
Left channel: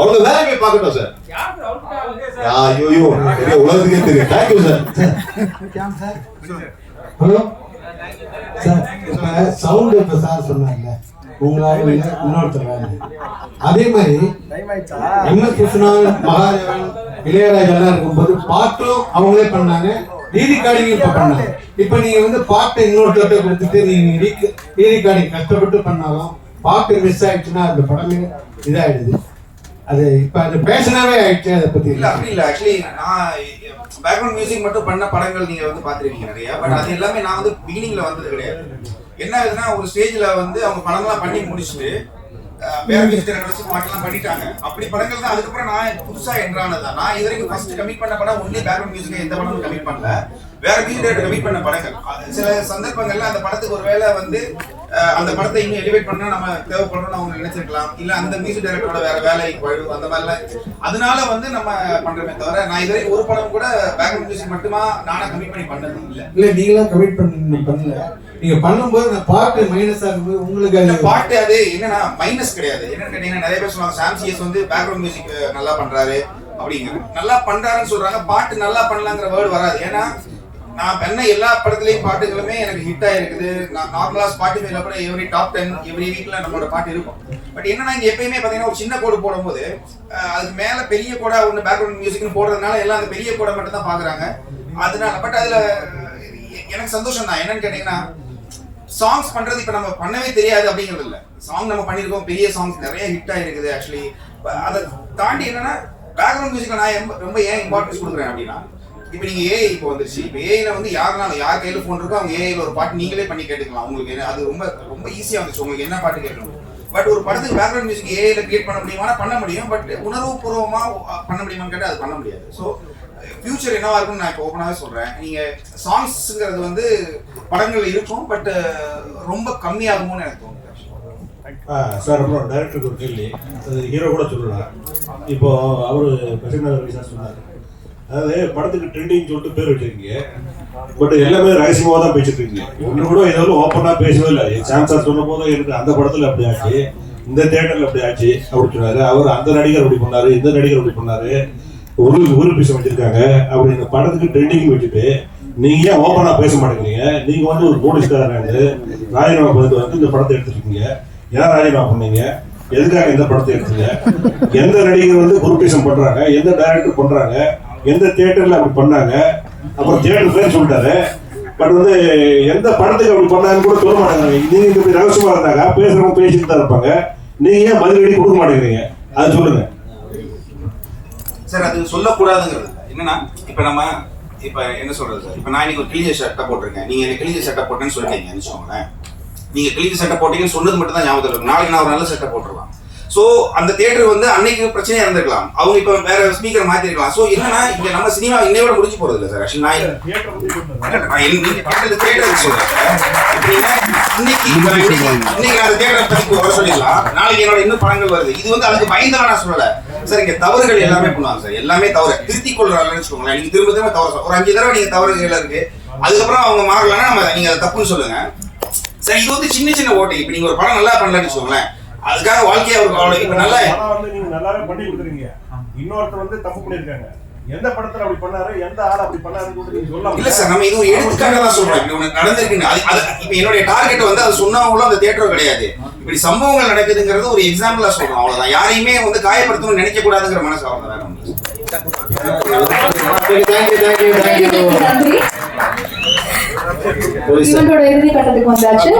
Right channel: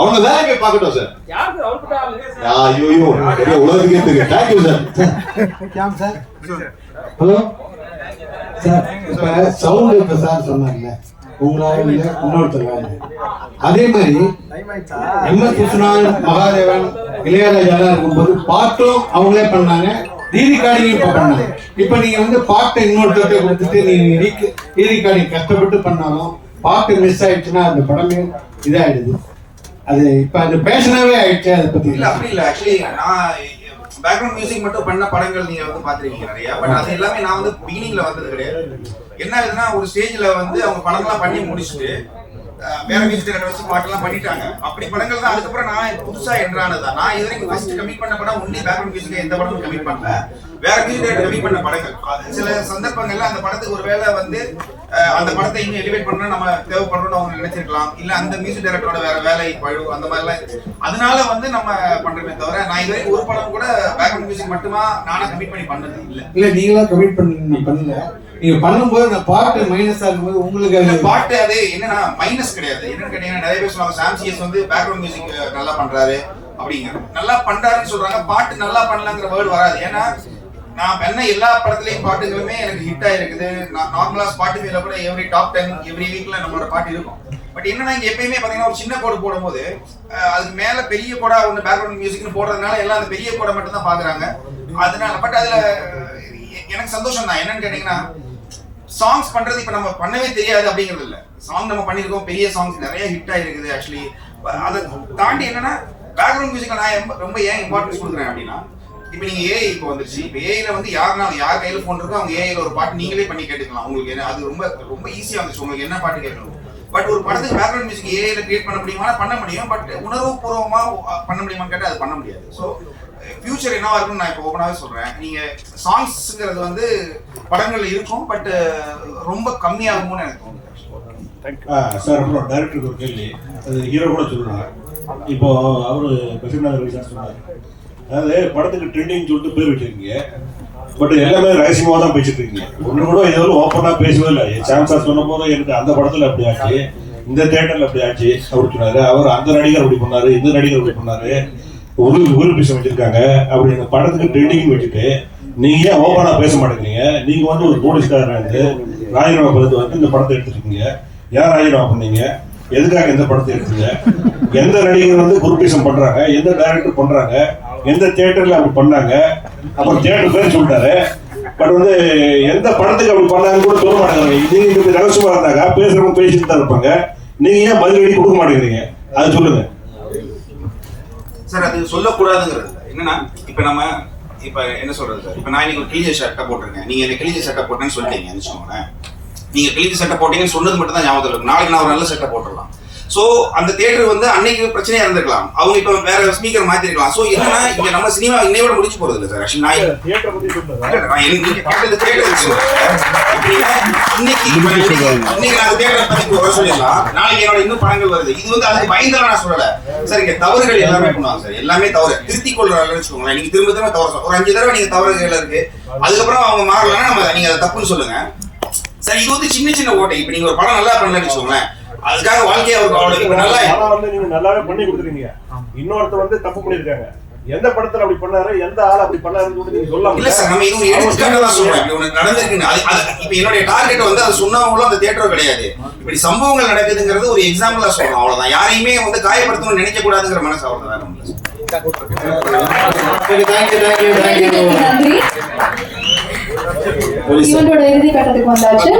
அவங்க வேலை போய் பார்க்கட்டும் சார். ஐயோ உலகத்துக்கே தெரியும். Thank you sir. ஹலோ சார், இப்ப சவுண்ட் இப்ப சார் சொன்னாங்க இன்னொருத்தர். அதே மாதிரி என்ன கிருஷ்ணன், மகாதேவன், இளையராஜா எல்லாம் இருக்கும்போது பாட்டும் அவங்களே பண்ணாங்க, ரீரிகார்டிங் இப்ப பண்ணாங்க. இப்ப நீங்க வந்து பாட்டை இன்னொருத்தர் கொடுத்துட்டு நீங்க ரீரிகார்டிங் கஷ்டப்பட்டு பண்ணாலும் பாட்டு மிஸ் ஆயிடுச்சுன்னா அந்த படமே இதாயிடுது. அது இப்ப அது பேஷனாவே ஆயிடுச்சு. அதை பத்தி இல்ல அப்படி இல்ல. ஆக்சுவலி நான் பேக்ரவுண்ட் மியூசிக் மட்டும் பண்ண படங்கள் நீங்க வந்து பாத்துருக்கீங்க நிறைய. பட் அது எல்லாமே நான் வந்து பிகினிங்ல வந்தது கிடையாது. என்ன ஆகுதுன்னா ஒரு ஸ்டேஜ்ல வந்து அவங்க படம்லாம் பண்ணி முடிச்சுட்டு வேற மியூசிக் டைரக்டர் வச்சு பாட்டெல்லாம் பண்ணிட்டாங்க. அப்படி படங்கள் தான் அதுக்கப்புறம் நான் புதுசா என்ட்ரானதான். நான் இது வரைக்கும் ஃபர்ஸ்ட் கமிட் பண்ண படம் ஒன்லி பேக்ரவுண்ட் மியூசிக், எந்த படமும் கமிட் பண்ணல. வேற மியூசிக் டைரக்டர் கமிட் பண்ண படங்கள். சில சந்தர்ப்பங்கள்ல அந்த படத்துக்கு ஒரு வேளை வந்து அந்த படத்தை இன்னும் எலிவேட் பண்ணா நம்ம தேவைப்படுறோம்னு அவங்க நினைச்சிருக்கலாம். இல்ல அந்த மியூசிக் டைரக்டரோட வேற வேலைக்கு போயிடும், அந்த மாதிரிலாம். அதனால வந்து நம்ம பண்றோமே தவிர நான் இது வரைக்கும் ஒரு படம் கூட பேக்ரவுண்ட் மியூசிக் மட்டுமா நானே கமிட் பண்ணி பண்ணது இல்லை. இல்ல நீங்களாம் கமிட் பண்ணல. நீங்க பண்ணும்போது அந்த பாட்டு மைனஸா இருக்கும்போது உங்களுக்கு பாட்டு அது என்னன்னா மைனஸ் கிடையாது. என்னன்னு கேட்டீங்கன்னா நிறைய பேர் சொல்லுவாங்க சாம் சிஎஸ் வந்து பேக்ரவுண்ட் மியூசிக் நல்லா பண்றாரு அப்படிங்கிற. நல்லா பண்றாருன்னு சொல்றாங்க, பாட்டு நல்லா பண்ணலங்கிற வேர்டு வராது. ஏன்னா நான் பண்ண எல்லா படத்துலயும் பாட்டுகளுமே எனக்கு ஹிட் ஆயிருக்குது. நான் நார்மலா ஸ்பாட்டிஃபைல கூட எவ்ரி டாப் 10 எவ்ரி வீக்ல நம்மளோட பாட்டு இருக்கும். பட் என்னன்னா இங்க எப்பயுமே பாத்தீங்கன்னா ஒரு சின்ன கோடு போடும்போது அதுக்கு மேல பெரிய கோடா ஒன்று பேக்ரவுண்ட் மியூசிக்னு போடுறதுனால எல்லாம் அந்த பெரிய கோடை மட்டும் தான் பாக்குறாங்க. அதனால பட் அதுல எனக்கு சந்தோஷம் தான். என்னன்னு கேட்டீங்கன்னா சாங்ஸ் பண்றது இப்ப நம்ம பண்ணவே தெரியாது அப்படிங்கிறது இல்ல. சாங் நம்ம பண்ணிருக்கோம், பெரிய சாங்ஸ் நிறைய ஹிட் ஆயிருக்குது. ஆக்சுவலி அதை தாண்டி என்னன்னா பேக்ரவுண்ட் மியூசிக்ல நான் ரொம்ப ஏன் இம்பார்ட்டன்ஸ் கொடுக்குறேன் அப்படின்னா, இப்போ நீங்க ஏஐ இப்போ வந்துருச்சு. இப்போ ஏஐல வந்து யாருனாலும் யார் கையில போன் இருக்கோ அவங்க ஏஐல ஒரு பாட்டு நீங்களே பண்ணி கேட்டுக்கலாம். உங்களுக்கு என்ன அது ரொம்ப ரொம்ப ஈஸியா இருந்துச்சு. உங்களுக்கு என்ன பாட்டு கேட்கணும். பட் ஒரு படத்துக்கு பேக்ரவுண்ட் மியூசிக் ஏஐல கிரியேட் பண்ண முடியுமா? பண்ண முடியும். பட் உணர்வு பூர்வமா பண்ண முடியுமான்னு கேட்டால் அது பண்ண முடியாது. ஸோ ஃபியூச்சர் என்னவா இருக்குன்னு நான் இப்போ ஓப்பனாகவே சொல்றேன். நீங்க சாங்ஸ்ங்கிறது வந்து படங்கள்ல இருக்கும், பட் ரொம்ப கம்மியாகும்னு எனக்கு தோணுது. சார் அப்புறம் டைரக்டருக்கு ஒரு கேள்வி, அது ஹீரோ கூட சொல்லுவாங்க. இப்போ அவரு பிரசன்னா சொன்னார், அதாவது படத்துக்கு ட்ரெண்டிங் சொல்லிட்டு பேர் வச்சிருக்கீங்க, பட் எல்லாமே ரகசியமாக தான் பேசிட்டு இருக்கீங்க. ஒன்று கூட எதுவும் ஓப்பனாக பேசவே இல்லை. சான்சர் சொன்ன போது எனக்கு அந்த படத்தில் அப்படி ஆச்சு, இந்த தியேட்டர்ல அப்படி ஆச்சு அப்படின்னு சொன்னாரு. அவர் அந்த நடிகர் அப்படி பண்ணாரு, இந்த நடிகர் அப்படி பண்ணாரு, ஒரு பீஸ் வச்சிருக்காங்க அப்படி. இந்த படத்துக்கு ட்ரெண்டிங் வச்சுட்டு நீங்க ஏன் ஓப்பனாக பேச மாட்டேங்கிறீங்க? நீங்க வந்து ஒரு போலீஸ்காரர் ராஜினாமா பண்ணிட்டு வந்து இந்த படத்தை எடுத்துருக்கீங்க. ஏன் ராஜினாமா பண்ணீங்க? எதுக்காக இந்த படத்தை எடுத்தீங்க? எந்த நடிகர் வந்து குரூப்பிசம் பண்றாங்க, எந்த டைரக்டர் பண்றாங்க, எந்த தியேட்டர்ல அப்படி பண்ணாங்க? அப்புறம் தியேட்டர் பேர் சொல்லிட்டாரு, பட் வந்து எந்த படத்துக்கு அப்படி பண்ணாங்கன்னு கூட சொல்ல மாட்டேங்கிறாங்க. நீங்க இப்படி ரகசியமா இருந்தாங்க பேசுறவங்க பேசிட்டு தான் இருப்பாங்க, நீங்க ஏன் பதிலடி கொடுக்க மாட்டேங்கிறீங்க? அது சொல்லுங்க சார். அது சொல்லக்கூடாதுங்கிறது என்னன்னா, இப்ப நம்ம இப்ப என்ன சொல்றது சார், இப்ப நான் இன்னைக்கு ஒரு கிழிஞ்ச சட்டை போட்டிருக்கேன், நீங்க எனக்கு கிழிஞ்ச சட்டை போட்டேன்னு சொல்லிட்டீங்க வச்சுக்கோங்களேன். நீங்க கிழிஞ்ச சட்டை போட்டீங்கன்னு சொன்னது மட்டும் தான் ஞாபகத்தில் இருக்கும். நாளைக்கு நான் ஒரு நல்ல சட்டை போட்டுடலாம். சோ அந்த தியேட்டர் வந்து அன்னைக்கு பிரச்சனையா இருந்திருக்கலாம், அவங்க இப்ப வேற ஸ்பீக்கர் மாத்திருக்கலாம். சோ என்னன்னா இங்க நம்ம சினிமா இன்னையோட முடிச்சு போறது இல்லை சார். ஆக்சுவலி நான் நீங்க கேட்டது தியேட்டர் சொல்றேன். இன்னைக்கு நான் தியேட்டரை பத்தி வர சொல்லிடலாம், நாளைக்கு என்னோட இன்னும் படங்கள் வருது. இது வந்து அதுக்கு பயந்தெல்லாம் நான் சொல்லல சார். இங்க தவறுகள் எல்லாமே பண்ணுவாங்க சார், எல்லாமே தவறு திருத்திக் கொள்றாங்கன்னு வச்சுக்கோங்களேன். நீங்க திரும்ப திரும்ப தவறு ஒரு 5 தடவை நீங்க தவறுகள் இருக்கு, அதுக்கப்புறம் அவங்க மாறலன்னா நம்ம நீங்க அதை தப்புன்னு சொல்லுங்க சார். இது வந்து சின்ன சின்ன ஓட்டை. இப்ப நீங்க ஒரு படம் நல்லா பண்ணலன்னு வச்சுக்கோங்களேன், அதுக்காக வாழ்க்கையை ஒரு இப்ப நல்லா நீங்க நல்லாவே பண்ணி கொடுத்துருக்கீங்க. இன்னொருத்தர் வந்து தப்பு பண்ணிருக்காங்க, எந்த படத்துல அப்படி பண்ணாரு, எந்த ஆள் அப்படி பண்ணாருன்னு நீங்க சொல்லலாம். இல்ல சார், நம்ம இது ஒரு எடுத்துக்காட்டா தான் சொல்றோம். இப்படி ஒண்ணு நடந்திருக்குன்னு. இப்ப என்னுடைய டார்கெட் வந்து அது சொன்னவங்களும் அந்த தியேட்டர் கிடையாது. இப்படி சம்பவங்கள் நடக்குதுங்கிறது ஒரு எக்ஸாம்பிளா சொல்றோம், அவ்வளவுதான். யாரையுமே வந்து காயப்படுத்தணும்னு நினைக்க கூடாதுங்கிற மனசு அவ்வளவுதான். இவனோட இறுதி கட்டத்துக்கு வந்தாச்சு.